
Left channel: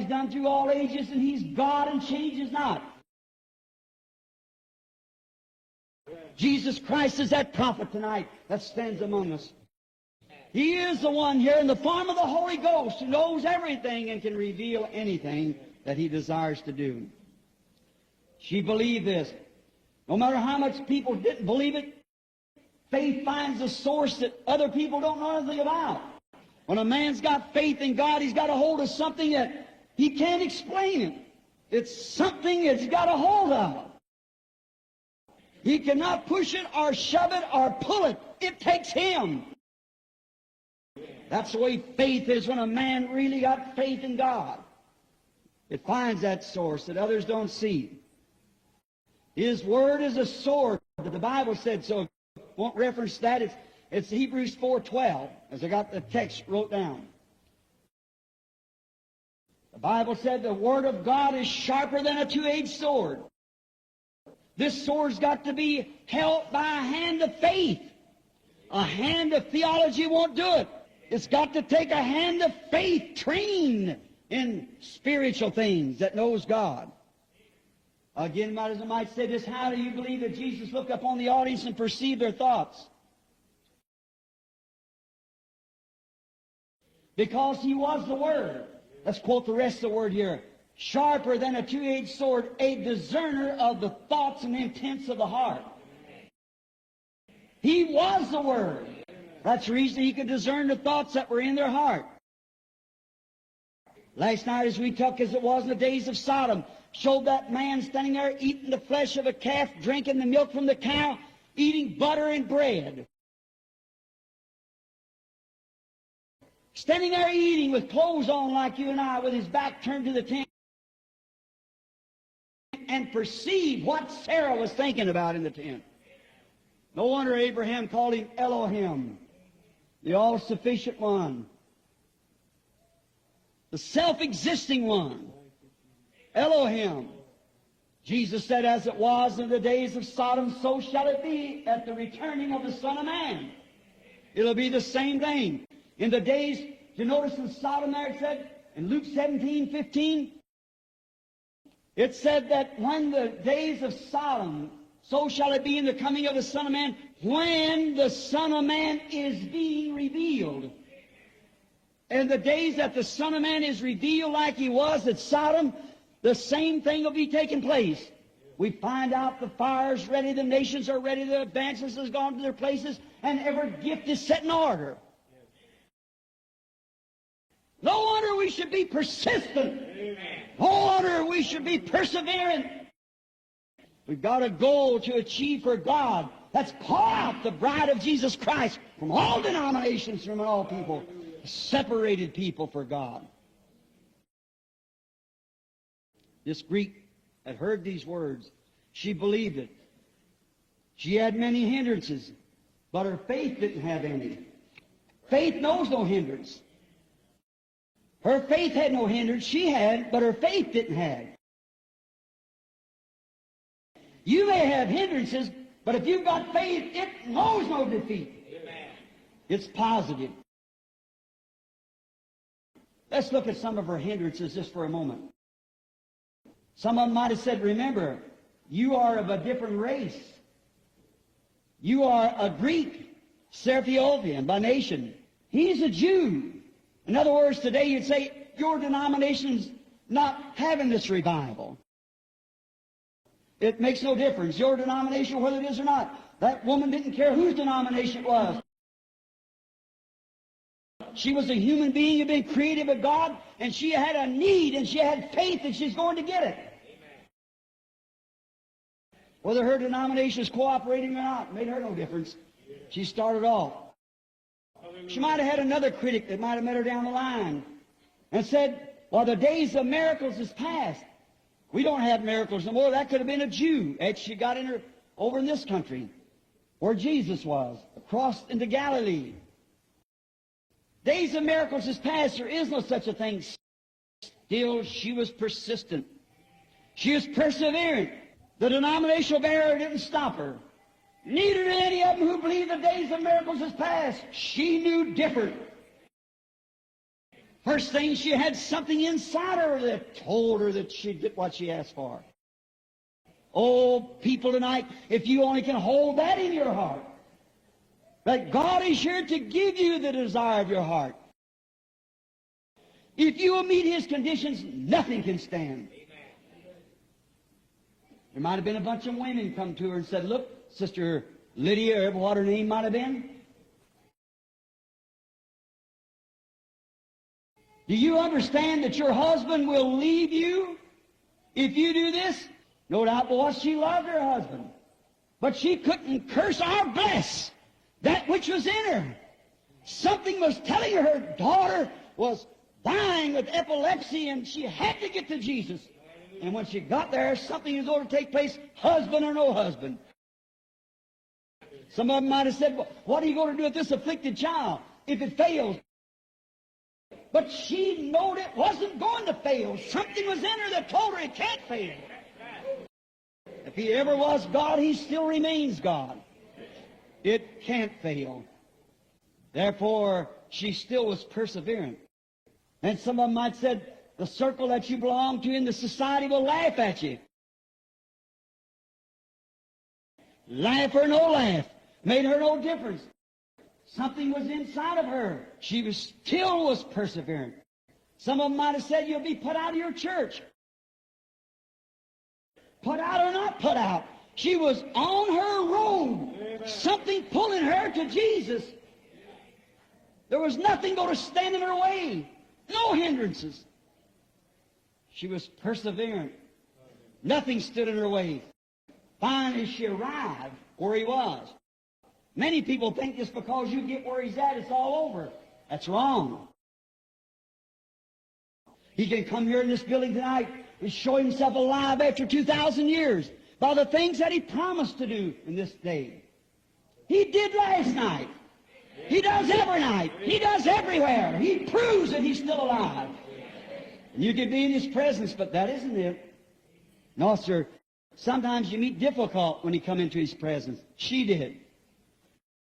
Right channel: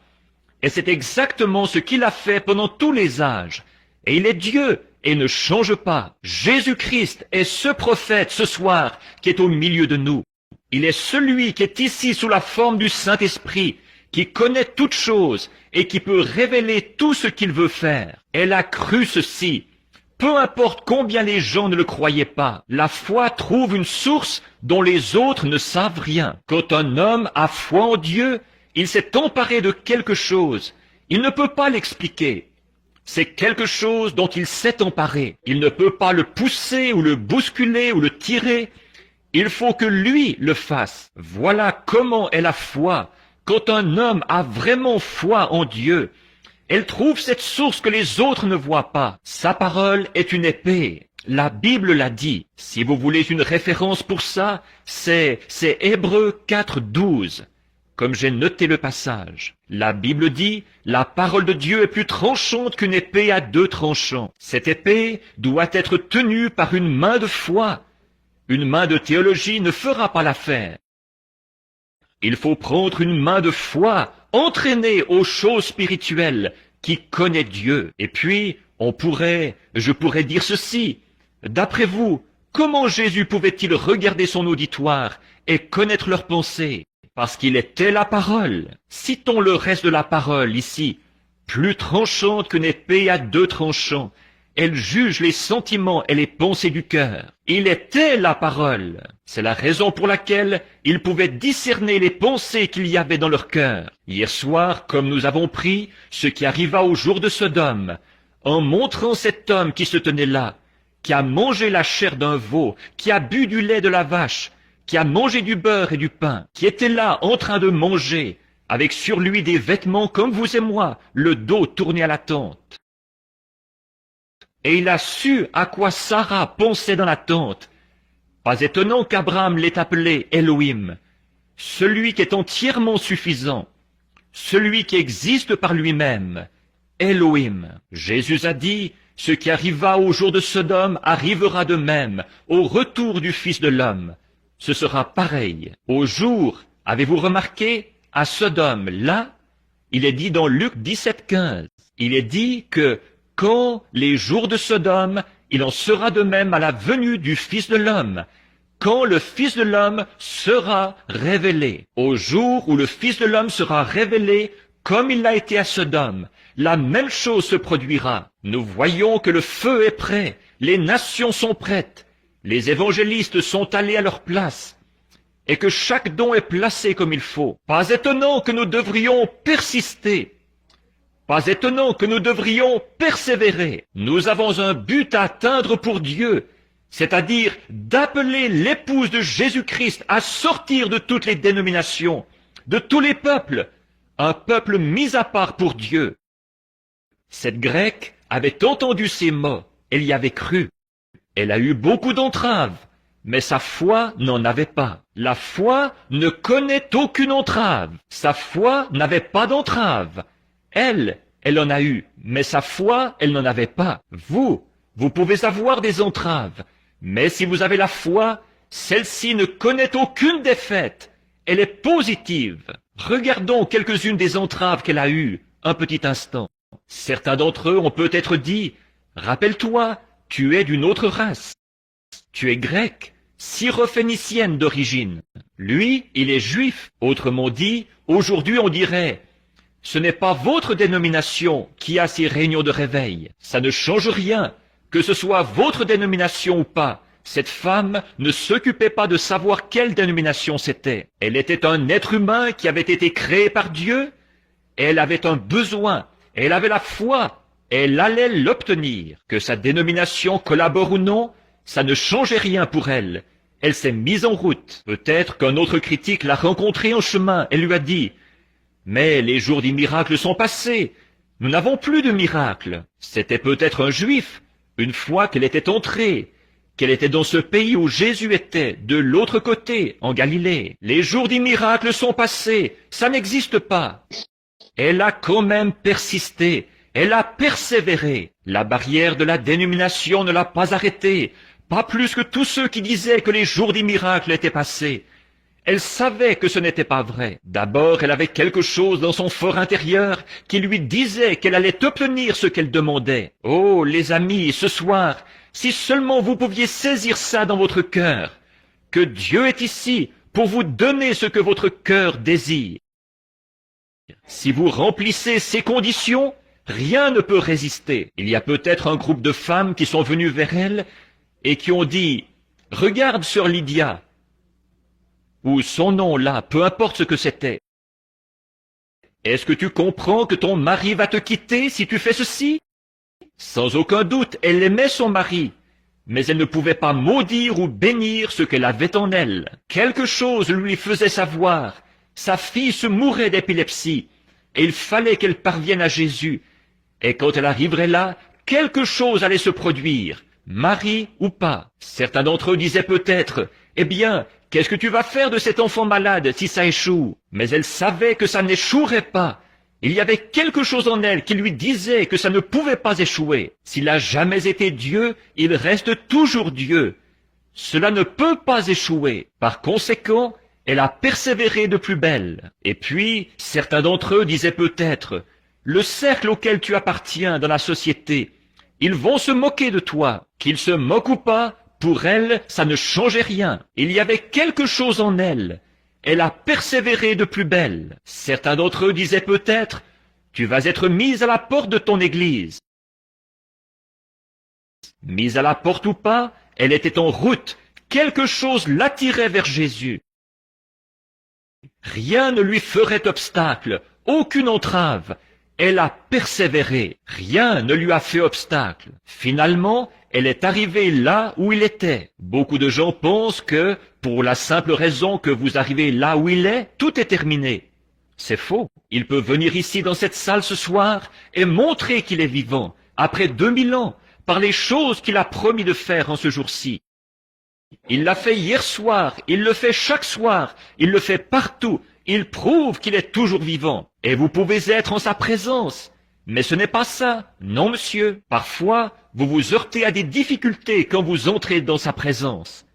Et c'est exactement ce qu'il a fait pendant tous les âges. Et il est Dieu et ne change pas. Jésus-Christ est ce prophète ce soir qui est au milieu de nous. Il est celui qui est ici sous la forme du Saint-Esprit, qui connaît toutes choses et qui peut révéler tout ce qu'il veut faire. Elle a cru ceci. Peu importe combien les gens ne le croyaient pas, la foi trouve une source dont les autres ne savent rien. Quand un homme a foi en Dieu, il s'est emparé de quelque chose. Il ne peut pas l'expliquer. C'est quelque chose dont il s'est emparé. Il ne peut pas le pousser ou le bousculer ou le tirer. Il faut que lui le fasse. Voilà comment est la foi. Quand un homme a vraiment foi en Dieu, elle trouve cette source que les autres ne voient pas. Sa parole est une épée. La Bible l'a dit. Si vous voulez une référence pour ça, c'est Hébreux 4:12. Comme j'ai noté le passage. La Bible dit, la parole de Dieu est plus tranchante qu'une épée à 2 tranchants. Cette épée doit être tenue par une main de foi. Une main de théologie ne fera pas l'affaire. Il faut prendre une main de foi, entraînée aux choses spirituelles, qui connaît Dieu. Et puis, je pourrais dire ceci. D'après vous, comment Jésus pouvait-il regarder son auditoire et connaître leurs pensées? Parce qu'il était la parole. Citons le reste de la parole ici. Plus tranchante qu'une épée à 2 tranchants. Elle juge les sentiments et les pensées du cœur. Il était la parole. C'est la raison pour laquelle il pouvait discerner les pensées qu'il y avait dans leur cœur. Hier soir, comme nous avons pris ce qui arriva au jour de Sodome, en montrant cet homme qui se tenait là, qui a mangé la chair d'un veau, qui a bu du lait de la vache, qui a mangé du beurre et du pain, qui était là en train de manger, avec sur lui des vêtements comme vous et moi, le dos tourné à la tente. Et il a su à quoi Sarah pensait dans la tente. Pas étonnant qu'Abraham l'ait appelé Elohim, celui qui est entièrement suffisant, celui qui existe par lui-même, Elohim. Jésus a dit, ce qui arriva au jour de Sodome arrivera de même au retour du Fils de l'homme. Ce sera pareil. Au jour, avez-vous remarqué, à Sodome, là, il est dit dans Luc 17,15, il est dit que quand les jours de Sodome, il en sera de même à la venue du Fils de l'homme, quand le Fils de l'homme sera révélé. Au jour où le Fils de l'homme sera révélé, comme il l'a été à Sodome, la même chose se produira. Nous voyons que le feu est prêt, les nations sont prêtes, les évangélistes sont allés à leur place, et que chaque don est placé comme il faut. Pas étonnant que nous devrions persister. Pas étonnant que nous devrions persévérer. Nous avons un but à atteindre pour Dieu, c'est-à-dire d'appeler l'épouse de Jésus-Christ à sortir de toutes les dénominations, de tous les peuples, un peuple mis à part pour Dieu. Cette Grecque avait entendu ces mots, elle y avait cru. Elle a eu beaucoup d'entraves, mais sa foi n'en avait pas. La foi ne connaît aucune entrave. Sa foi n'avait pas d'entrave. Elle en a eu, mais sa foi, elle n'en avait pas. Vous pouvez avoir des entraves, mais si vous avez la foi, celle-ci ne connaît aucune défaite. Elle est positive. Regardons quelques-unes des entraves qu'elle a eues, un petit instant. Certains d'entre eux ont peut-être dit, « Rappelle-toi, tu es d'une autre race. Tu es grec, syrophénicienne d'origine. Lui, il est juif. » Autrement dit, aujourd'hui on dirait, « Ce n'est pas votre dénomination qui a ces réunions de réveil. Ça ne change rien, que ce soit votre dénomination ou pas. » Cette femme ne s'occupait pas de savoir quelle dénomination c'était. Elle était un être humain qui avait été créé par Dieu. Elle avait un besoin. Elle avait la foi. Elle allait l'obtenir. Que sa dénomination collabore ou non, ça ne changeait rien pour elle. Elle s'est mise en route. Peut-être qu'un autre critique l'a rencontrée en chemin et lui a dit, « Mais les jours des miracles sont passés. Nous n'avons plus de miracles. » C'était peut-être un juif. Une fois qu'elle était entrée, qu'elle était dans ce pays où Jésus était, de l'autre côté, en Galilée. Les jours des miracles sont passés. Ça n'existe pas. Elle a quand même persisté. Elle a persévéré. La barrière de la dénomination ne l'a pas arrêtée, pas plus que tous ceux qui disaient que les jours des miracles étaient passés. Elle savait que ce n'était pas vrai. D'abord, elle avait quelque chose dans son fort intérieur qui lui disait qu'elle allait obtenir ce qu'elle demandait. Oh, les amis, ce soir, si seulement vous pouviez saisir ça dans votre cœur, que Dieu est ici pour vous donner ce que votre cœur désire. Si vous remplissez ces conditions, rien ne peut résister. Il y a peut-être un groupe de femmes qui sont venues vers elle et qui ont dit, « Regarde sœur Lydia » ou son nom là, peu importe ce que c'était. Est-ce que tu comprends que ton mari va te quitter si tu fais ceci? Sans aucun doute, elle aimait son mari, mais elle ne pouvait pas maudire ou bénir ce qu'elle avait en elle. Quelque chose lui faisait savoir. Sa fille se mourait d'épilepsie et il fallait qu'elle parvienne à Jésus. Et quand elle arriverait là, quelque chose allait se produire, mari ou pas. Certains d'entre eux disaient peut-être, « Eh bien, qu'est-ce que tu vas faire de cet enfant malade si ça échoue ?» Mais elle savait que ça n'échouerait pas. Il y avait quelque chose en elle qui lui disait que ça ne pouvait pas échouer. S'il n'a jamais été Dieu, il reste toujours Dieu. Cela ne peut pas échouer. Par conséquent, elle a persévéré de plus belle. Et puis, certains d'entre eux disaient peut-être, « Le cercle auquel tu appartiens dans la société, ils vont se moquer de toi. Qu'ils se moquent ou pas, pour elle, ça ne changeait rien. Il y avait quelque chose en elle. Elle a persévéré de plus belle. » Certains d'entre eux disaient peut-être, « Tu vas être mise à la porte de ton église. » Mise à la porte ou pas, elle était en route. Quelque chose l'attirait vers Jésus. Rien ne lui ferait obstacle, aucune entrave. Elle a persévéré, rien ne lui a fait obstacle. Finalement, elle est arrivée là où il était. Beaucoup de gens pensent que, pour la simple raison que vous arrivez là où il est, tout est terminé. C'est faux. Il peut venir ici dans cette salle ce soir et montrer qu'il est vivant, après 2000 ans, par les choses qu'il a promis de faire en ce jour-ci. Il l'a fait hier soir, il le fait chaque soir, il le fait partout. Il prouve qu'il est toujours vivant. Et vous pouvez être en sa présence. Mais ce n'est pas ça. Non, monsieur. Parfois, vous vous heurtez à des difficultés quand vous entrez dans sa présence.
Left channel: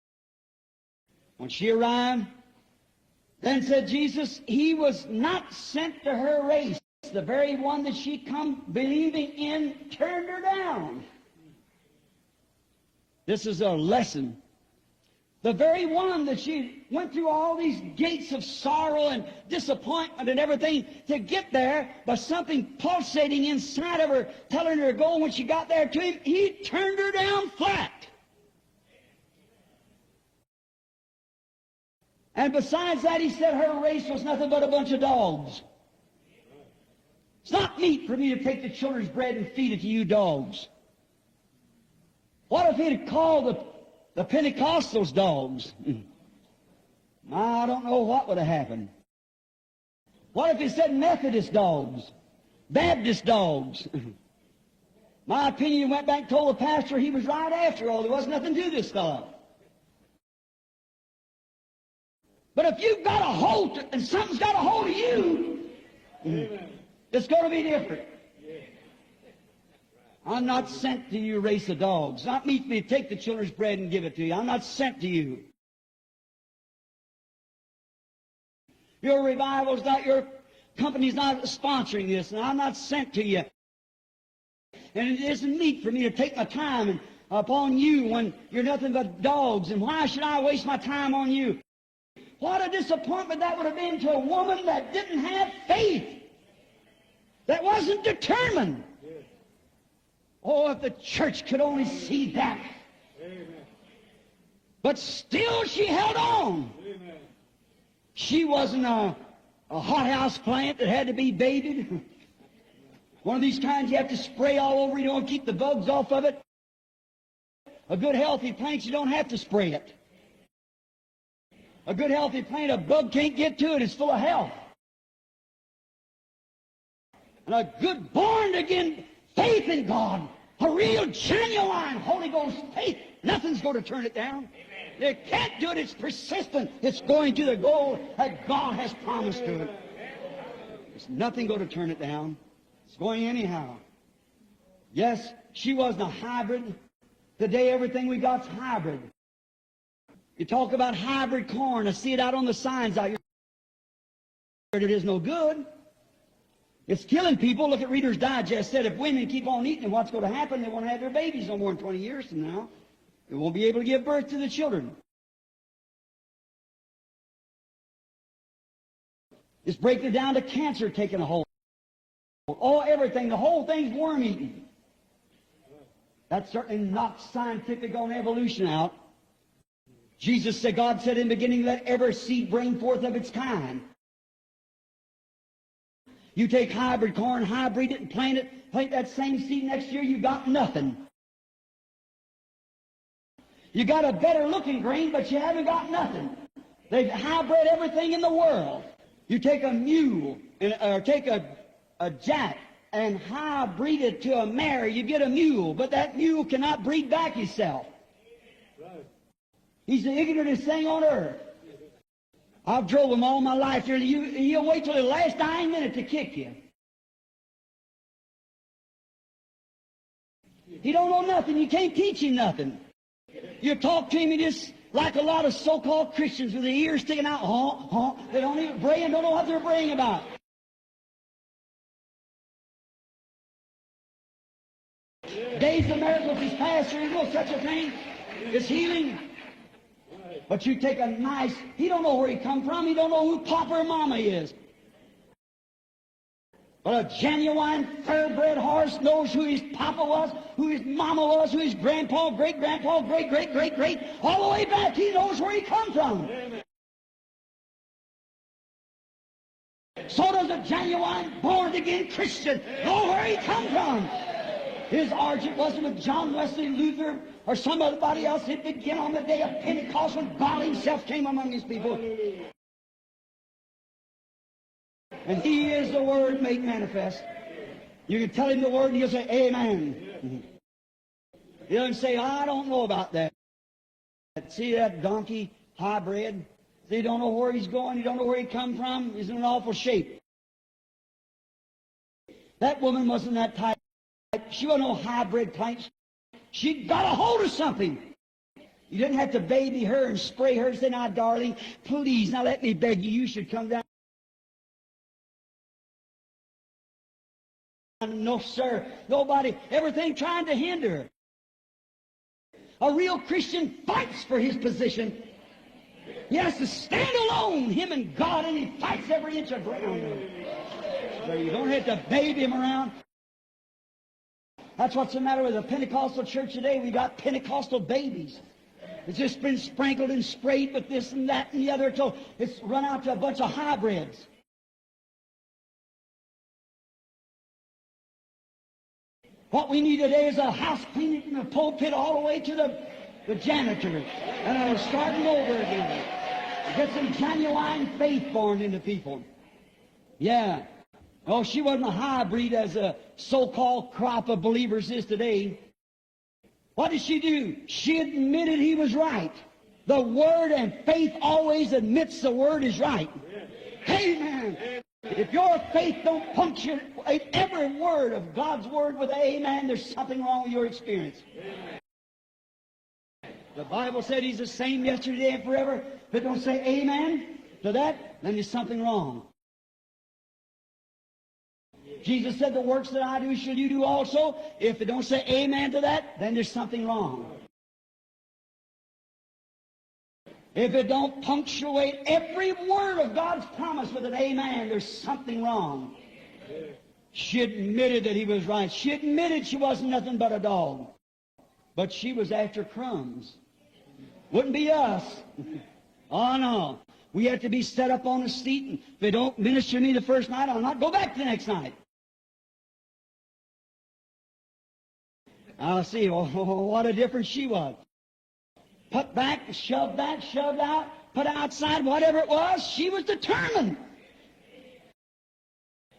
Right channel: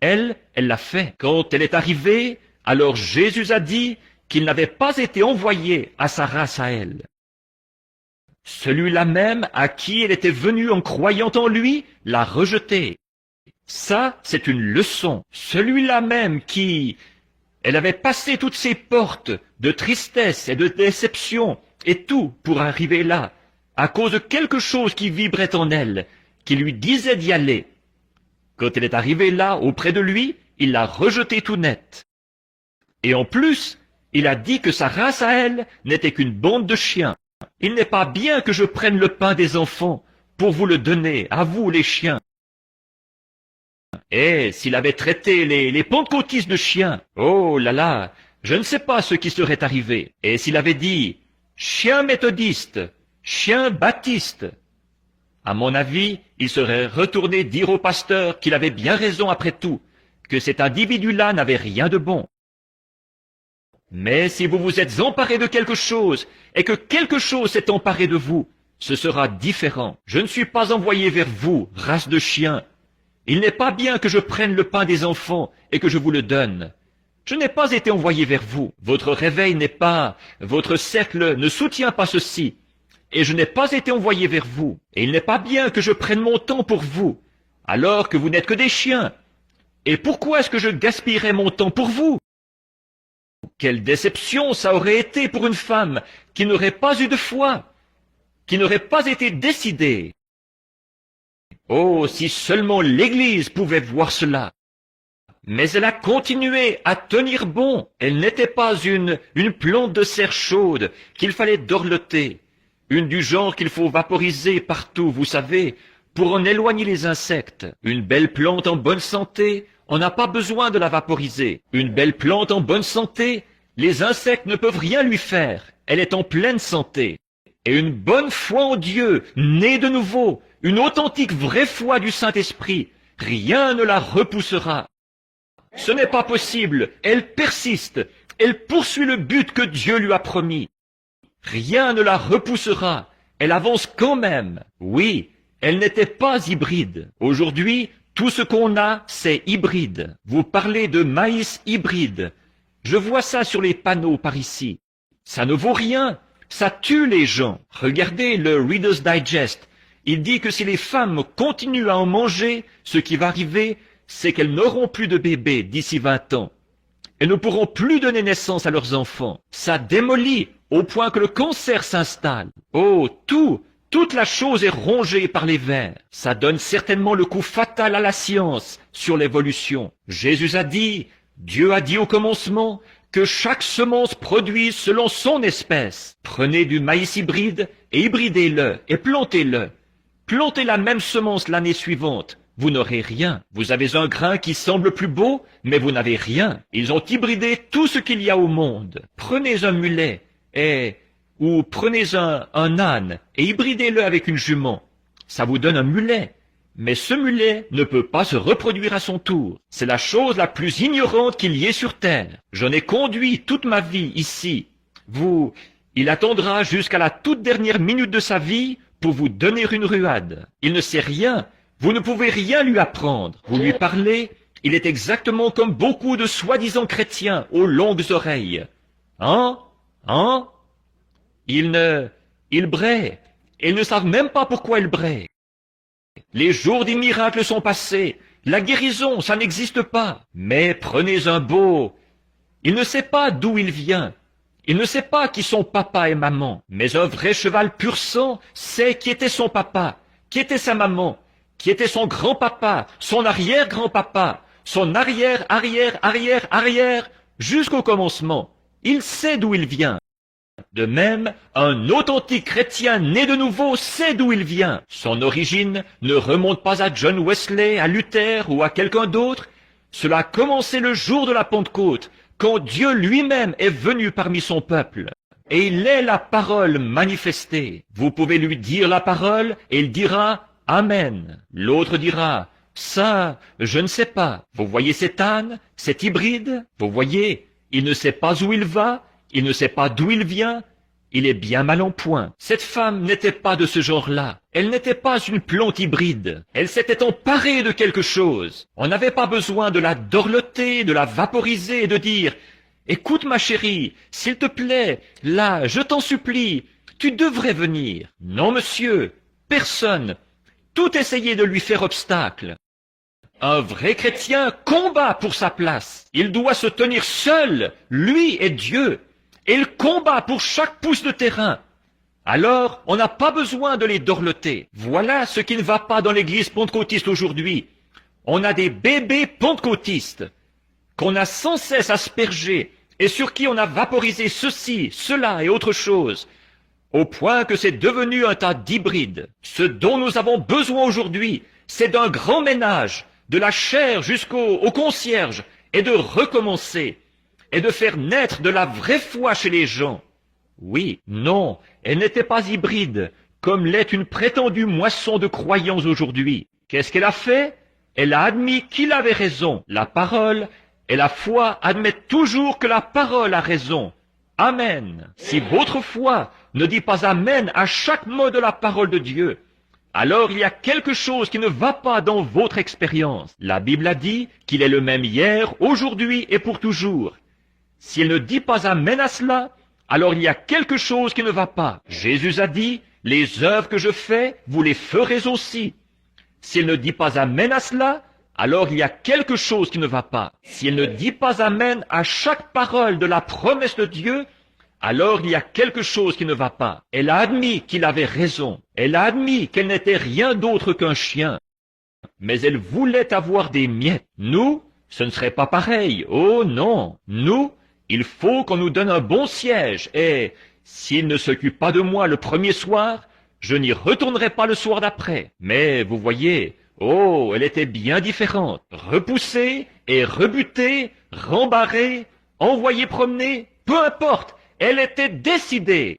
Elle l'a fait. Quand elle est arrivée, alors Jésus a dit qu'il n'avait pas été envoyé à sa race à elle. Celui-là même à qui elle était venue en croyant en lui l'a rejeté. Ça, c'est une leçon. Celui-là même qui... Elle avait passé toutes ces portes de tristesse et de déception et tout pour arriver là, à cause de quelque chose qui vibrait en elle, qui lui disait d'y aller. Quand elle est arrivée là, auprès de lui, il l'a rejeté tout net. Et en plus, il a dit que sa race à elle n'était qu'une bande de chiens. Il n'est pas bien que je prenne le pain des enfants pour vous le donner, à vous les chiens. Et s'il avait traité les pentecôtistes de chiens, oh là là, je ne sais pas ce qui serait arrivé. Et s'il avait dit chien méthodiste, chien baptiste, à mon avis, il serait retourné dire au pasteur qu'il avait bien raison après tout, que cet individu-là n'avait rien de bon. Mais si vous vous êtes emparé de quelque chose, et que quelque chose s'est emparé de vous, ce sera différent. Je ne suis pas envoyé vers vous, race de chiens. Il n'est pas bien que je prenne le pain des enfants et que je vous le donne. Je n'ai pas été envoyé vers vous. Votre réveil n'est pas... Votre cercle ne soutient pas ceci. Et je n'ai pas été envoyé vers vous. Et il n'est pas bien que je prenne mon temps pour vous, alors que vous n'êtes que des chiens. Et pourquoi est-ce que je gaspillerais mon temps pour vous? Quelle déception ça aurait été pour une femme qui n'aurait pas eu de foi, qui n'aurait pas été décidée. Oh, si seulement l'Église pouvait voir cela. Mais elle a continué à tenir bon. Elle n'était pas une plante de serre chaude qu'il fallait dorloter. Une du genre qu'il faut vaporiser partout, vous savez, pour en éloigner les insectes. Une belle plante en bonne santé, on n'a pas besoin de la vaporiser. Une belle plante en bonne santé, les insectes ne peuvent rien lui faire. Elle est en pleine santé. Et une bonne foi en Dieu, née de nouveau, une authentique vraie foi du Saint-Esprit, rien ne la repoussera. Ce n'est pas possible. Elle persiste. Elle poursuit le but que Dieu lui a promis. Rien ne la repoussera. Elle avance quand même. Oui, elle n'était pas hybride. Aujourd'hui, tout ce qu'on a, c'est hybride. Vous parlez de maïs hybride. Je vois ça sur les panneaux par ici. Ça ne vaut rien. Ça tue les gens. Regardez le Reader's Digest. Il dit que si les femmes continuent à en manger, ce qui va arriver, c'est qu'elles n'auront plus de bébés d'ici 20 ans. Elles ne pourront plus donner naissance à leurs enfants. Ça démolit au point que le cancer s'installe. Oh, toute la chose est rongée par les vers. Ça donne certainement le coup fatal à la science sur l'évolution. Jésus a dit, Dieu a dit au commencement, que chaque semence produise selon son espèce. Prenez du maïs hybride et hybridez-le et plantez-le. Plantez la même semence l'année suivante. Vous n'aurez rien. Vous avez un grain qui semble plus beau, mais vous n'avez rien. Ils ont hybridé tout ce qu'il y a au monde. Prenez un mulet, ou prenez un âne, et hybridez-le avec une jument. Ça vous donne un mulet. Mais ce mulet ne peut pas se reproduire à son tour. C'est la chose la plus ignorante qu'il y ait sur terre. J'en ai conduit toute ma vie ici. Il attendra jusqu'à la toute dernière minute de sa vie pour vous donner une ruade. Il ne sait rien. Vous ne pouvez rien lui apprendre. Vous lui parlez, il est exactement comme beaucoup de soi-disant chrétiens aux longues oreilles. Ils braient. Et ils ne savent même pas pourquoi ils braient. Les jours des miracles sont passés. La guérison, ça n'existe pas. Mais prenez un beau. Il ne sait pas d'où il vient. Il ne sait pas qui sont papa et maman. Mais un vrai cheval pur sang sait qui était son papa, qui était sa maman. qui était son grand-papa, son arrière-grand-papa, son arrière, jusqu'au commencement. Il sait d'où il vient. De même, un authentique chrétien né de nouveau sait d'où il vient. Son origine ne remonte pas à John Wesley, à Luther ou à quelqu'un d'autre. Cela a commencé le jour de la Pentecôte, quand Dieu lui-même est venu parmi son peuple. Et il est la parole manifestée. Vous pouvez lui dire la parole et il dira « Amen ». L'autre dira « Ça, je ne sais pas. » Vous voyez cet âne, cet hybride? Vous voyez, il ne sait pas où il va, il ne sait pas d'où il vient. Il est bien mal en point. Cette femme n'était pas de ce genre-là. Elle n'était pas une plante hybride. Elle s'était emparée de quelque chose. On n'avait pas besoin de la dorloter, de la vaporiser et de dire « Écoute ma chérie, s'il te plaît, là, je t'en supplie, tu devrais venir. » Non, monsieur, personne. Tout essayait de lui faire obstacle. Un vrai chrétien combat pour sa place. Il doit se tenir seul, lui et Dieu. Et il combat pour chaque pouce de terrain. Alors, on n'a pas besoin de les dorloter. Voilà ce qui ne va pas dans l'église pentecôtiste aujourd'hui. On a des bébés pentecôtistes qu'on a sans cesse aspergés et sur qui on a vaporisé ceci, cela et autre chose, au point que c'est devenu un tas d'hybrides. Ce dont nous avons besoin aujourd'hui, c'est d'un grand ménage, de la chair jusqu'au concierge, et de recommencer, et de faire naître de la vraie foi chez les gens. Oui, non, elle n'était pas hybride, comme l'est une prétendue moisson de croyants aujourd'hui. Qu'est-ce qu'elle a fait? Elle a admis qu'il avait raison, la parole, et la foi admet toujours que la parole a raison. Amen. Si votre foi ne dit pas Amen à chaque mot de la parole de Dieu, alors il y a quelque chose qui ne va pas dans votre expérience. La Bible a dit qu'il est le même hier, aujourd'hui et pour toujours. Si elle ne dit pas Amen à cela, alors il y a quelque chose qui ne va pas. Jésus a dit, les œuvres que je fais, vous les ferez aussi. Si elle ne dit pas Amen à cela, alors il y a quelque chose qui ne va pas. Si elle ne dit pas Amen à chaque parole de la promesse de Dieu, alors il y a quelque chose qui ne va pas. Elle a admis qu'il avait raison. Elle a admis qu'elle n'était rien d'autre qu'un chien. Mais elle voulait avoir des miettes. Nous, ce ne serait pas pareil. Oh non. Nous, il faut qu'on nous donne un bon siège. Et s'il ne s'occupe pas de moi le premier soir, je n'y retournerai pas le soir d'après. Mais vous voyez, oh, elle était bien différente. Repoussée et rebutée, rembarrée, envoyée promener, peu importe. Elle était décidée.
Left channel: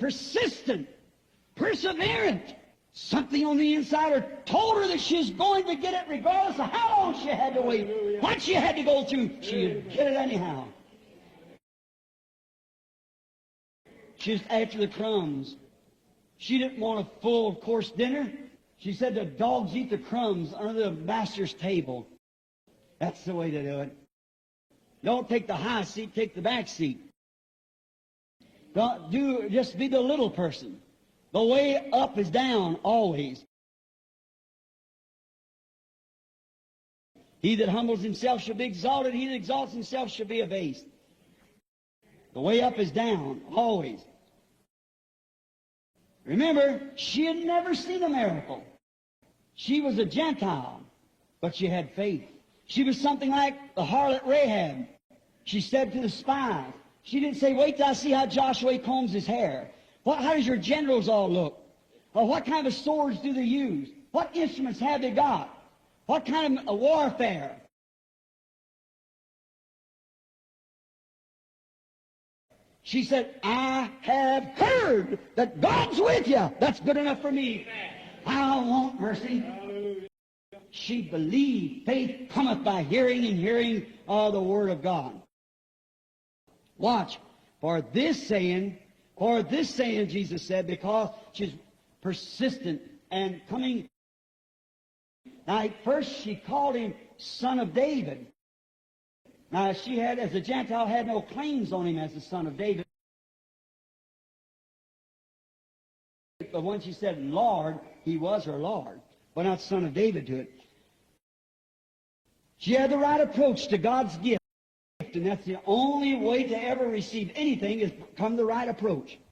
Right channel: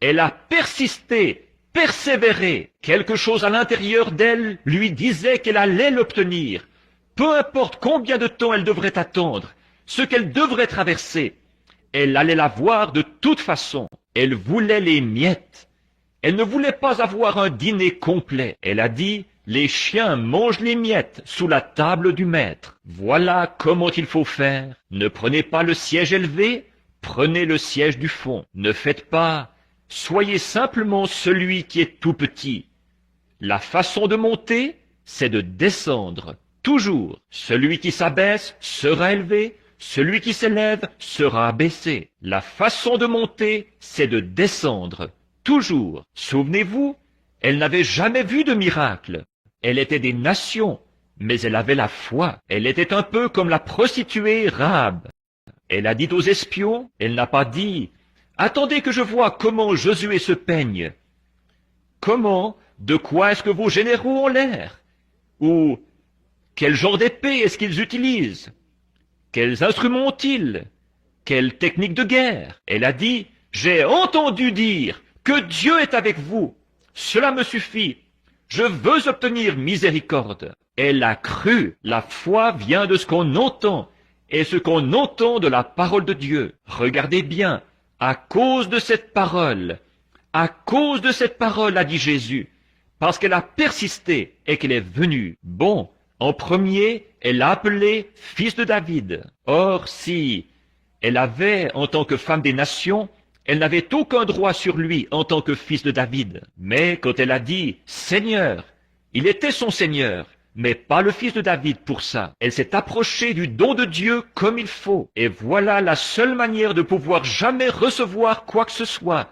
Elle a persisté, persévéré. Quelque chose à l'intérieur d'elle lui disait qu'elle allait l'obtenir. Peu importe combien de temps elle devrait attendre, ce qu'elle devrait traverser, elle allait l'avoir de toute façon. Elle voulait les miettes. Elle ne voulait pas avoir un dîner complet. Elle a dit, les chiens mangent les miettes sous la table du maître. Voilà comment il faut faire. Ne prenez pas le siège élevé, prenez le siège du fond. Ne faites pas, soyez simplement celui qui est tout petit. La façon de monter, c'est de descendre. Toujours, celui qui s'abaisse sera élevé, celui qui s'élève sera abaissé. La façon de monter, c'est de descendre. Toujours. Souvenez-vous, elle n'avait jamais vu de miracle. Elle était des nations, mais elle avait la foi. Elle était un peu comme la prostituée Rahab. Elle a dit aux espions, elle n'a pas dit « Attendez que je vois comment Josué se peigne. Comment, de quoi est-ce que vos généraux ont l'air? Ou quel genre d'épée est-ce qu'ils utilisent? Quels instruments ont-ils? Quelle technique de guerre? Elle a dit, j'ai entendu dire que Dieu est avec vous. Cela me suffit. Je veux obtenir miséricorde. Elle a cru. La foi vient de ce qu'on entend. Et ce qu'on entend de la parole de Dieu. Regardez bien. À cause de cette parole, a dit Jésus, parce qu'elle a persisté et qu'elle est venue. Bon, en premier, elle l'a appelé fils de David. Or, si elle avait, en tant que femme des nations, elle n'avait aucun droit sur lui en tant que fils de David. Mais quand elle a dit « Seigneur », il était son Seigneur, mais pas le fils de David pour ça. Elle s'est approchée du don de Dieu comme il faut. Et voilà la seule manière de pouvoir jamais recevoir quoi que ce soit.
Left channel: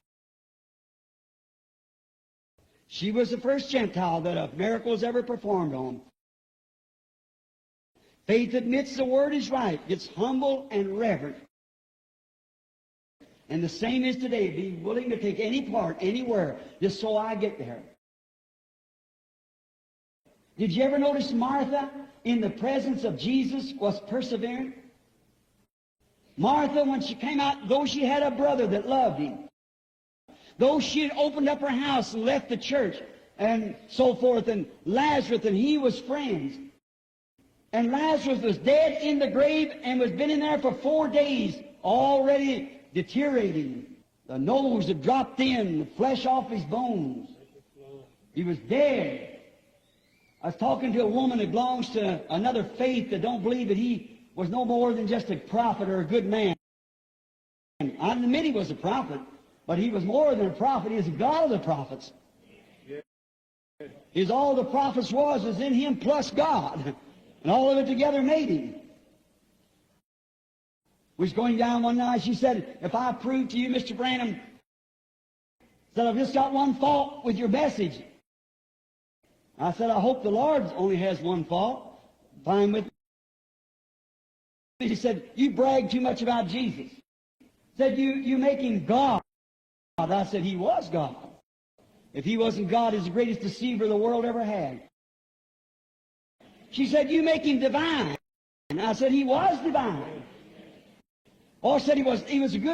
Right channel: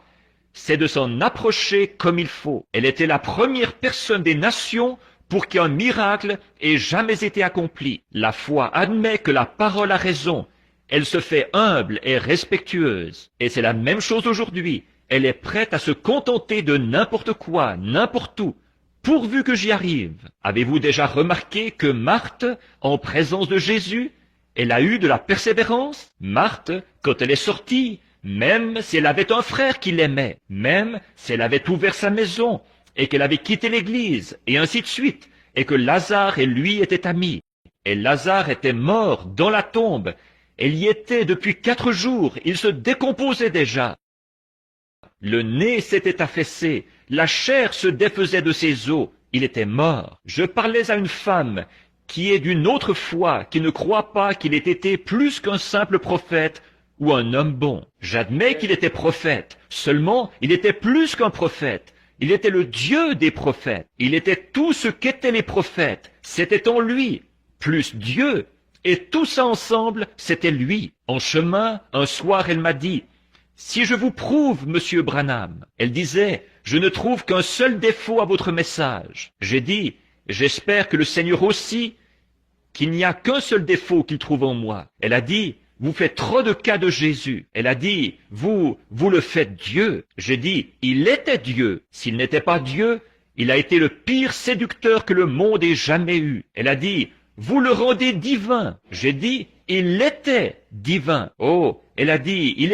c'est de s'en approcher comme il faut. Elle était la première personne des nations pour qu'un miracle ait jamais été accompli. La foi admet que la parole a raison. Elle se fait humble et respectueuse. Et c'est la même chose aujourd'hui. Elle est prête à se contenter de n'importe quoi, n'importe où, pourvu que j'y arrive. Avez-vous déjà remarqué que Marthe, en présence de Jésus, elle a eu de la persévérance? Marthe, quand elle est sortie, même si elle avait un frère qui l'aimait, même si elle avait ouvert sa maison et qu'elle avait quitté l'église, et ainsi de suite, et que Lazare et lui étaient amis, et Lazare était mort dans la tombe, elle y était depuis 4 jours, il se décomposait déjà. Le nez s'était affaissé, la chair se défaisait de ses os, il était mort. Je parlais à une femme qui est d'une autre foi, qui ne croit pas qu'il ait été plus qu'un simple prophète ou un homme bon. J'admets qu'il était prophète, seulement il était plus qu'un prophète. Il était le Dieu des prophètes, il était tout ce qu'étaient les prophètes, c'était en lui. Plus Dieu, et tout ça ensemble, c'était lui. En chemin, un soir, elle m'a dit, « Si je vous prouve, Monsieur Branham », elle disait, « Je ne trouve qu'un seul défaut à votre message. » J'ai dit, « J'espère que le Seigneur aussi, qu'il n'y a qu'un seul défaut qu'il trouve en moi. » Elle a dit, « Vous faites trop de cas de Jésus. » Elle a dit, « Vous le faites Dieu. » J'ai dit, « Il était Dieu. S'il n'était pas Dieu, il a été le pire séducteur que le monde ait jamais eu. » Elle a dit, « Vous le rendez divin. » J'ai dit, « Il était divin. » Oh, elle a dit, il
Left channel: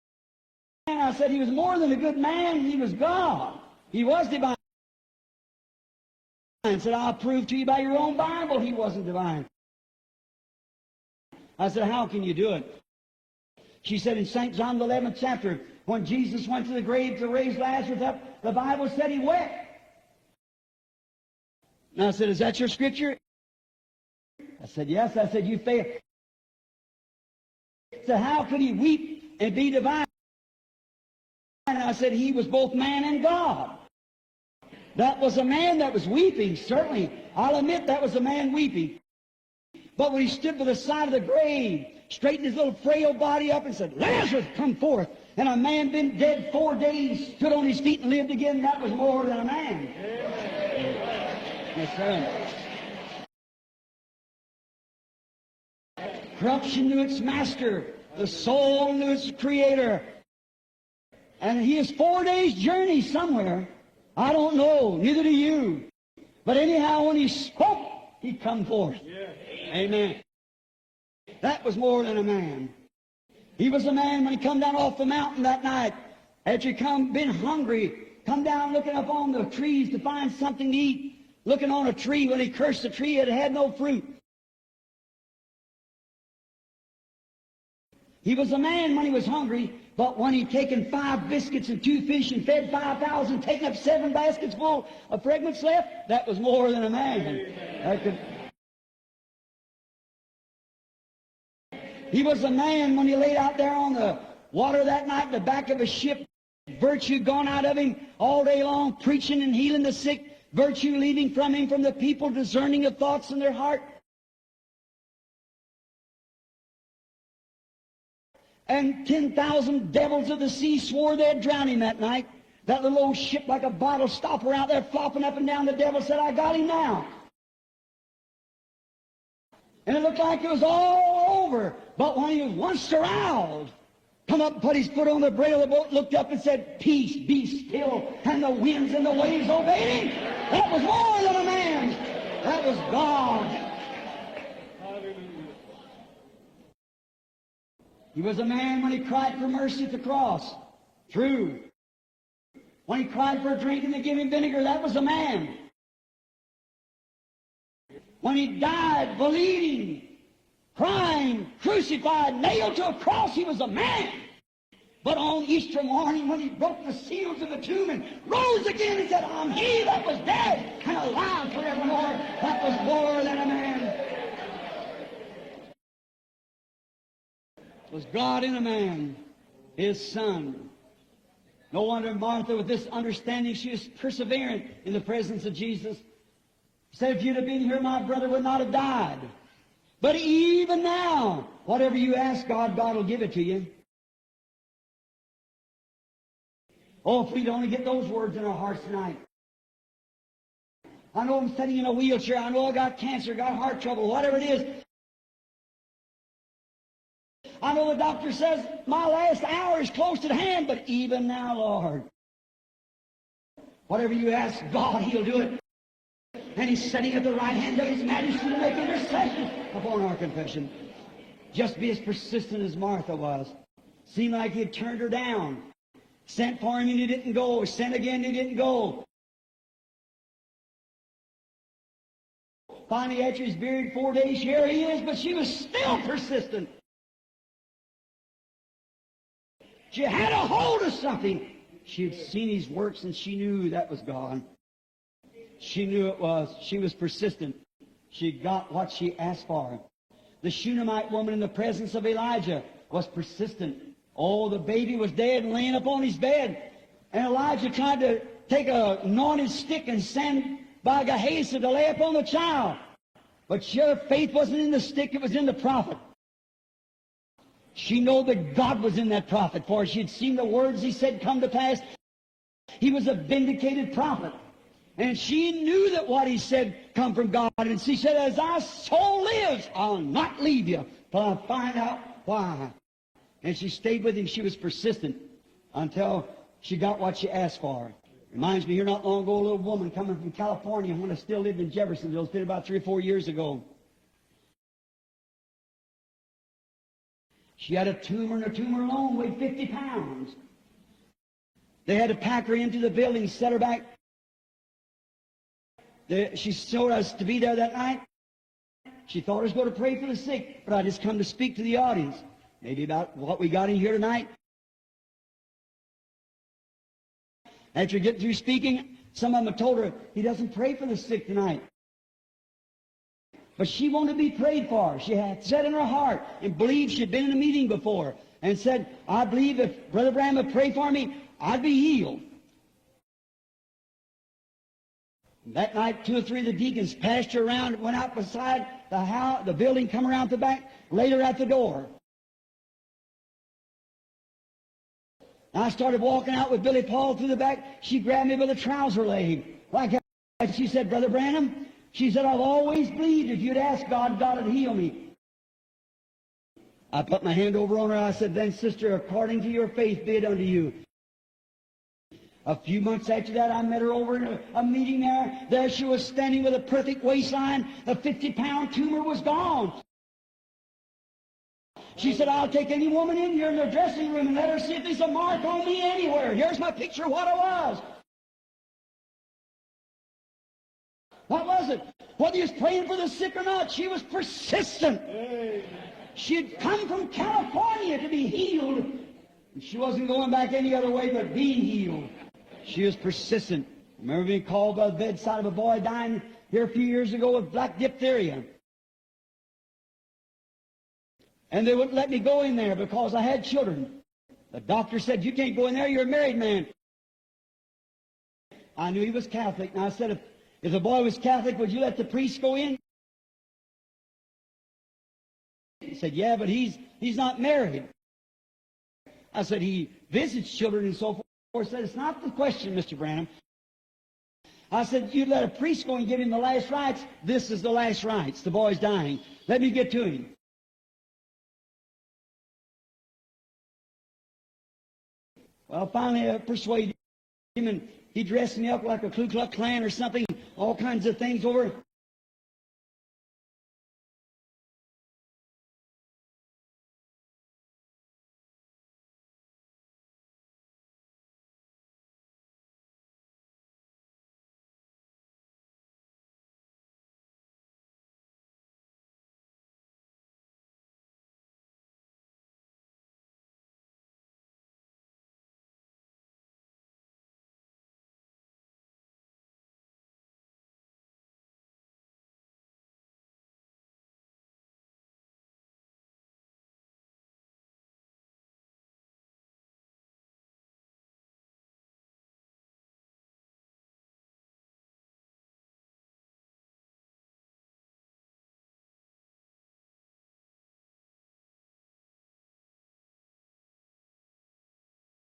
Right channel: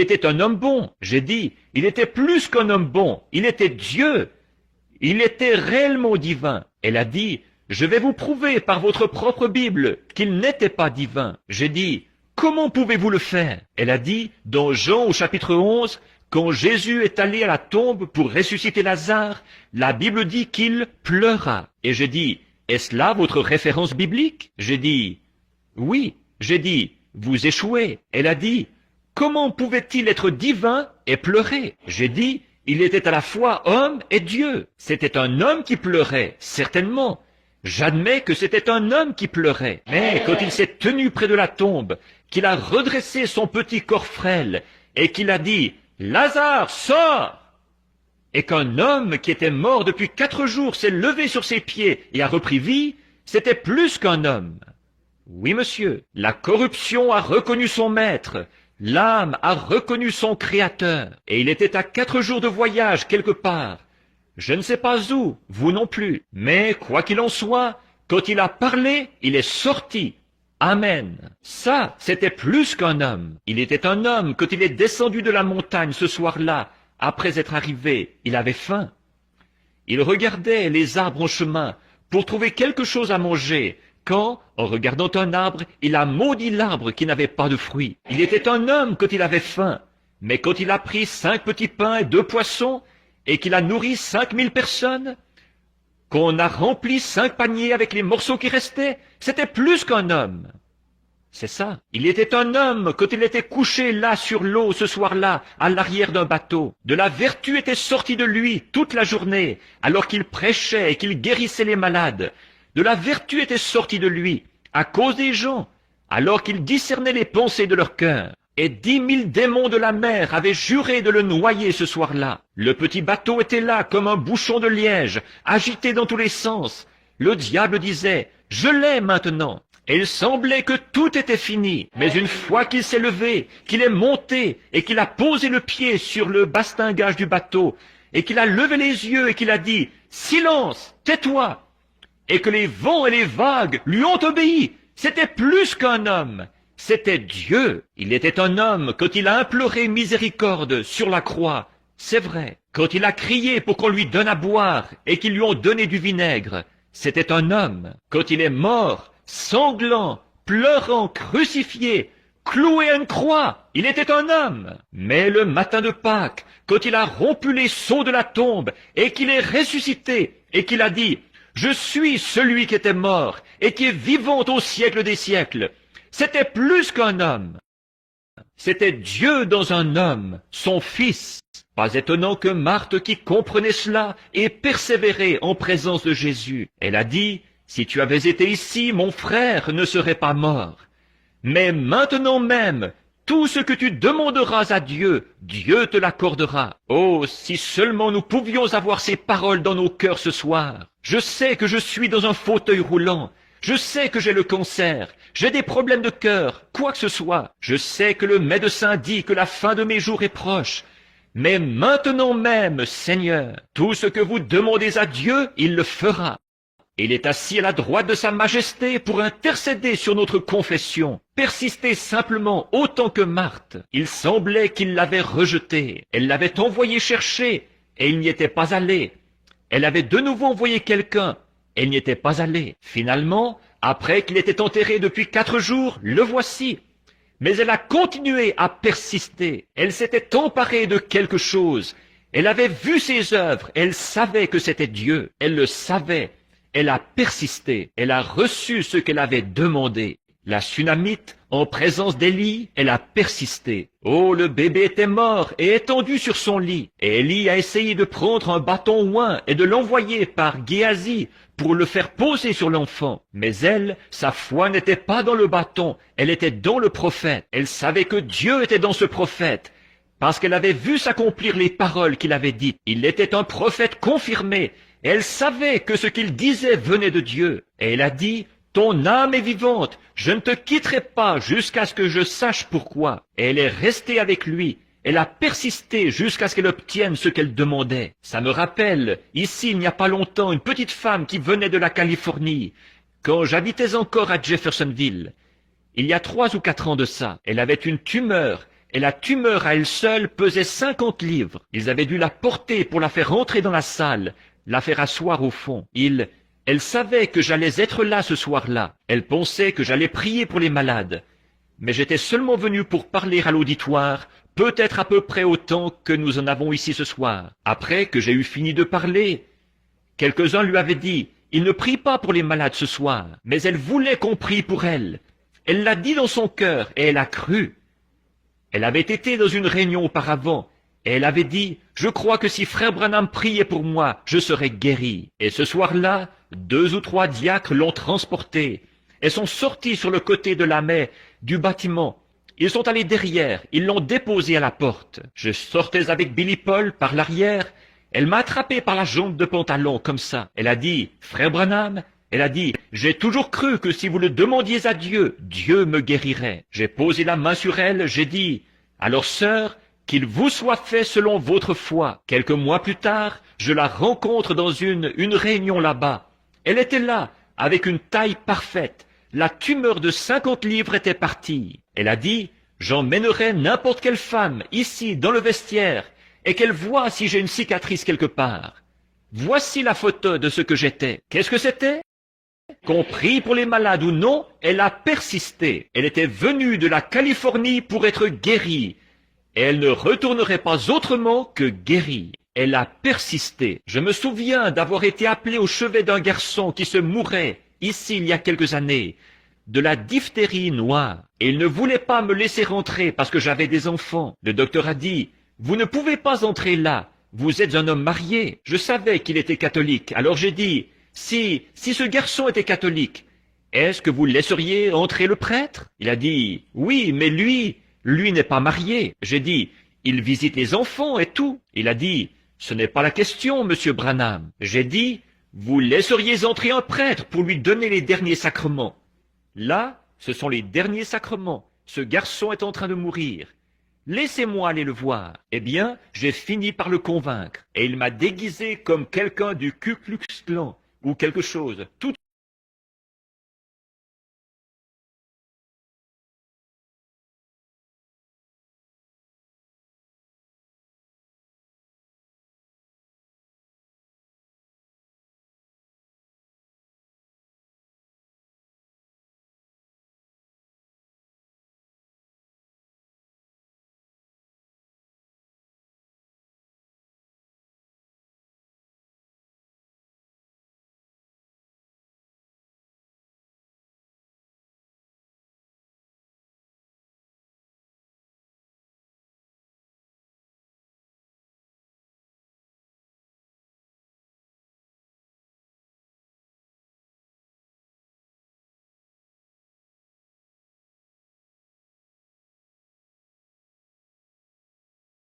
était un homme bon. J'ai dit, il était plus qu'un homme bon. Il était Dieu. Il était réellement divin. Elle a dit, je vais vous prouver par votre propre Bible qu'il n'était pas divin. J'ai dit, comment pouvez-vous le faire? Elle a dit, dans Jean au chapitre 11, quand Jésus est allé à la tombe pour ressusciter Lazare, la Bible dit qu'il pleura. Et j'ai dit, est-ce là votre référence biblique? J'ai dit, oui. J'ai dit, vous échouez. Elle a dit, comment pouvait-il être divin et pleurer? J'ai dit, il était à la fois homme et Dieu. C'était un homme qui pleurait, certainement. J'admets que c'était un homme qui pleurait. Mais quand il s'est tenu près de la tombe, qu'il a redressé son petit corps frêle, et qu'il a dit, Lazare, sors! Et qu'un homme qui était mort depuis 4 jours s'est levé sur ses pieds et a repris vie, c'était plus qu'un homme. Oui, monsieur, la corruption a reconnu son maître, l'âme a reconnu son créateur, et il était à 4 jours de voyage quelque part. Je ne sais pas où, vous non plus, mais quoi qu'il en soit, quand il a parlé, il est sorti. Amen. Ça, c'était plus qu'un homme. Il était un homme quand il est descendu de la montagne ce soir-là. Après être arrivé, il avait faim. Il regardait les arbres en chemin pour trouver quelque chose à manger. Quand, en regardant un arbre, il a maudit l'arbre qui n'avait pas de fruits. Il était un homme quand il avait faim. Mais quand il a pris 5 petits pains et 2 poissons, et qu'il a nourri 5000 personnes, qu'on a rempli 5 paniers avec les morceaux qui restaient, c'était plus qu'un homme. C'est ça. Il était un homme quand il était couché là sur l'eau ce soir-là, à l'arrière d'un bateau. De la vertu était sortie de lui toute la journée, alors qu'il prêchait et qu'il guérissait les malades. De la vertu était sortie de lui, à cause des gens, alors qu'il discernait les pensées de leur cœur. Et 10 000 démons de la mer avaient juré de le noyer ce soir-là. Le petit bateau était là comme un bouchon de liège, agité dans tous les sens. Le diable disait, « Je l'ai maintenant ». Et il semblait que tout était fini. Mais une fois qu'il s'est levé, qu'il est monté et qu'il a posé le pied sur le bastingage du bateau et qu'il a levé les yeux et qu'il a dit, « Silence, tais-toi » et que les vents et les vagues lui ont obéi, c'était plus qu'un homme. C'était Dieu. Il était un homme quand il a imploré miséricorde sur la croix. C'est vrai. Quand il a crié pour qu'on lui donne à boire et qu'ils lui ont donné du vinaigre. C'était un homme. Quand il est mort, sanglant, pleurant, crucifié, cloué à une croix, il était un homme. Mais le matin de Pâques, quand il a rompu les sceaux de la tombe et qu'il est ressuscité et qu'il a dit, « Je suis celui qui était mort et qui est vivant au siècle des siècles », c'était plus qu'un homme. C'était Dieu dans un homme, son Fils. Pas étonnant que Marthe, qui comprenait cela, ait persévéré en présence de Jésus. Elle a dit, « Si tu avais été ici, mon frère ne serait pas mort. » Mais maintenant même, tout ce que tu demanderas à Dieu, Dieu te l'accordera. Oh, si seulement nous pouvions avoir ces paroles dans nos cœurs ce soir. Je sais que je suis dans un fauteuil roulant. Je sais que j'ai le cancer. J'ai des problèmes de cœur, quoi que ce soit. Je sais que le médecin dit que la fin de mes jours est proche. Mais maintenant même, Seigneur, tout ce que vous demandez à Dieu, il le fera. Il est assis à la droite de sa majesté pour intercéder sur notre confession. Persistez simplement autant que Marthe. Il semblait qu'il l'avait rejetée. Elle l'avait envoyé chercher et il n'y était pas allé. Elle avait de nouveau envoyé quelqu'un. Elle n'y était pas allée. Finalement, après qu'il était enterré depuis 4 jours, le voici. Mais elle a continué à persister. Elle s'était emparée de quelque chose. Elle avait vu ses œuvres. Elle savait que c'était Dieu. Elle le savait. Elle a persisté. Elle a reçu ce qu'elle avait demandé. La Sunamite, en présence d'Élie, elle a persisté. Oh, le bébé était mort et étendu sur son lit. Et Élie a essayé de prendre un bâton oint et de l'envoyer par Géasi pour le faire poser sur l'enfant. Mais elle, sa foi n'était pas dans le bâton, elle était dans le prophète. Elle savait que Dieu était dans ce prophète, parce qu'elle avait vu s'accomplir les paroles qu'il avait dites. Il était un prophète confirmé. Elle savait que ce qu'il disait venait de Dieu. Et elle a dit, « Ton âme est vivante, je ne te quitterai pas jusqu'à ce que je sache pourquoi. » Et elle est restée avec lui. Elle a persisté jusqu'à ce qu'elle obtienne ce qu'elle demandait. Ça me rappelle, ici, il n'y a pas longtemps, une petite femme qui venait de la Californie, quand j'habitais encore à Jeffersonville. Il y a 3 ou 4 ans de ça, elle avait une tumeur, et la tumeur à elle seule pesait 50 livres. Ils avaient dû la porter pour la faire rentrer dans la salle, la faire asseoir au fond. Elle savait que j'allais être là ce soir-là. Elle pensait que j'allais prier pour les malades. Mais j'étais seulement venu pour parler à l'auditoire, peut-être à peu près autant que nous en avons ici ce soir. Après que j'ai eu fini de parler, quelques-uns lui avaient dit, « Il ne prie pas pour les malades ce soir. » Mais elle voulait qu'on prie pour elle. Elle l'a dit dans son cœur et elle a cru. Elle avait été dans une réunion auparavant et elle avait dit, « Je crois que si Frère Branham priait pour moi, je serais guéri. » Et ce soir-là, 2 ou 3 diacres l'ont transportée et sont sortis sur le côté de la mer du bâtiment. Ils sont allés derrière, ils l'ont déposé à la porte. Je sortais avec Billy Paul par l'arrière. Elle m'a attrapé par la jambe de pantalon comme ça. Elle a dit, « Frère Branham, elle a dit, j'ai toujours cru que si vous le demandiez à Dieu, Dieu me guérirait. » J'ai posé la main sur elle, j'ai dit, « Alors sœur, qu'il vous soit fait selon votre foi. » Quelques mois plus tard, je la rencontre dans une réunion là-bas. Elle était là, avec une taille parfaite. La tumeur de 50 livres était partie. Elle a dit, « J'emmènerai n'importe quelle femme ici dans le vestiaire et qu'elle voie si j'ai une cicatrice quelque part. Voici la photo de ce que j'étais. » Qu'est-ce que c'était? Qu'on prie pour les malades ou non, elle a persisté. Elle était venue de la Californie pour être guérie. Et elle ne retournerait pas autrement que guérie. Elle a persisté. Je me souviens d'avoir été appelé au chevet d'un garçon qui se mourait ici il y a quelques années, de la diphtérie noire. Et il ne voulait pas me laisser rentrer parce que j'avais des enfants. Le docteur a dit, « Vous ne pouvez pas entrer là. Vous êtes un homme marié. » Je savais qu'il était catholique. Alors j'ai dit, « Si ce garçon était catholique, est-ce que vous laisseriez entrer le prêtre ?» Il a dit, « Oui, mais lui n'est pas marié. » J'ai dit, « Il visite les enfants et tout. » Il a dit, « Ce n'est pas la question, monsieur Branham. » J'ai dit, « Vous laisseriez entrer un prêtre pour lui donner les derniers sacrements. » Là, ce sont les derniers sacrements. Ce garçon est en train de mourir. Laissez-moi aller le voir. Eh bien, j'ai fini par le convaincre. Et il m'a déguisé comme quelqu'un du Ku Klux Klan ou quelque chose. Toutes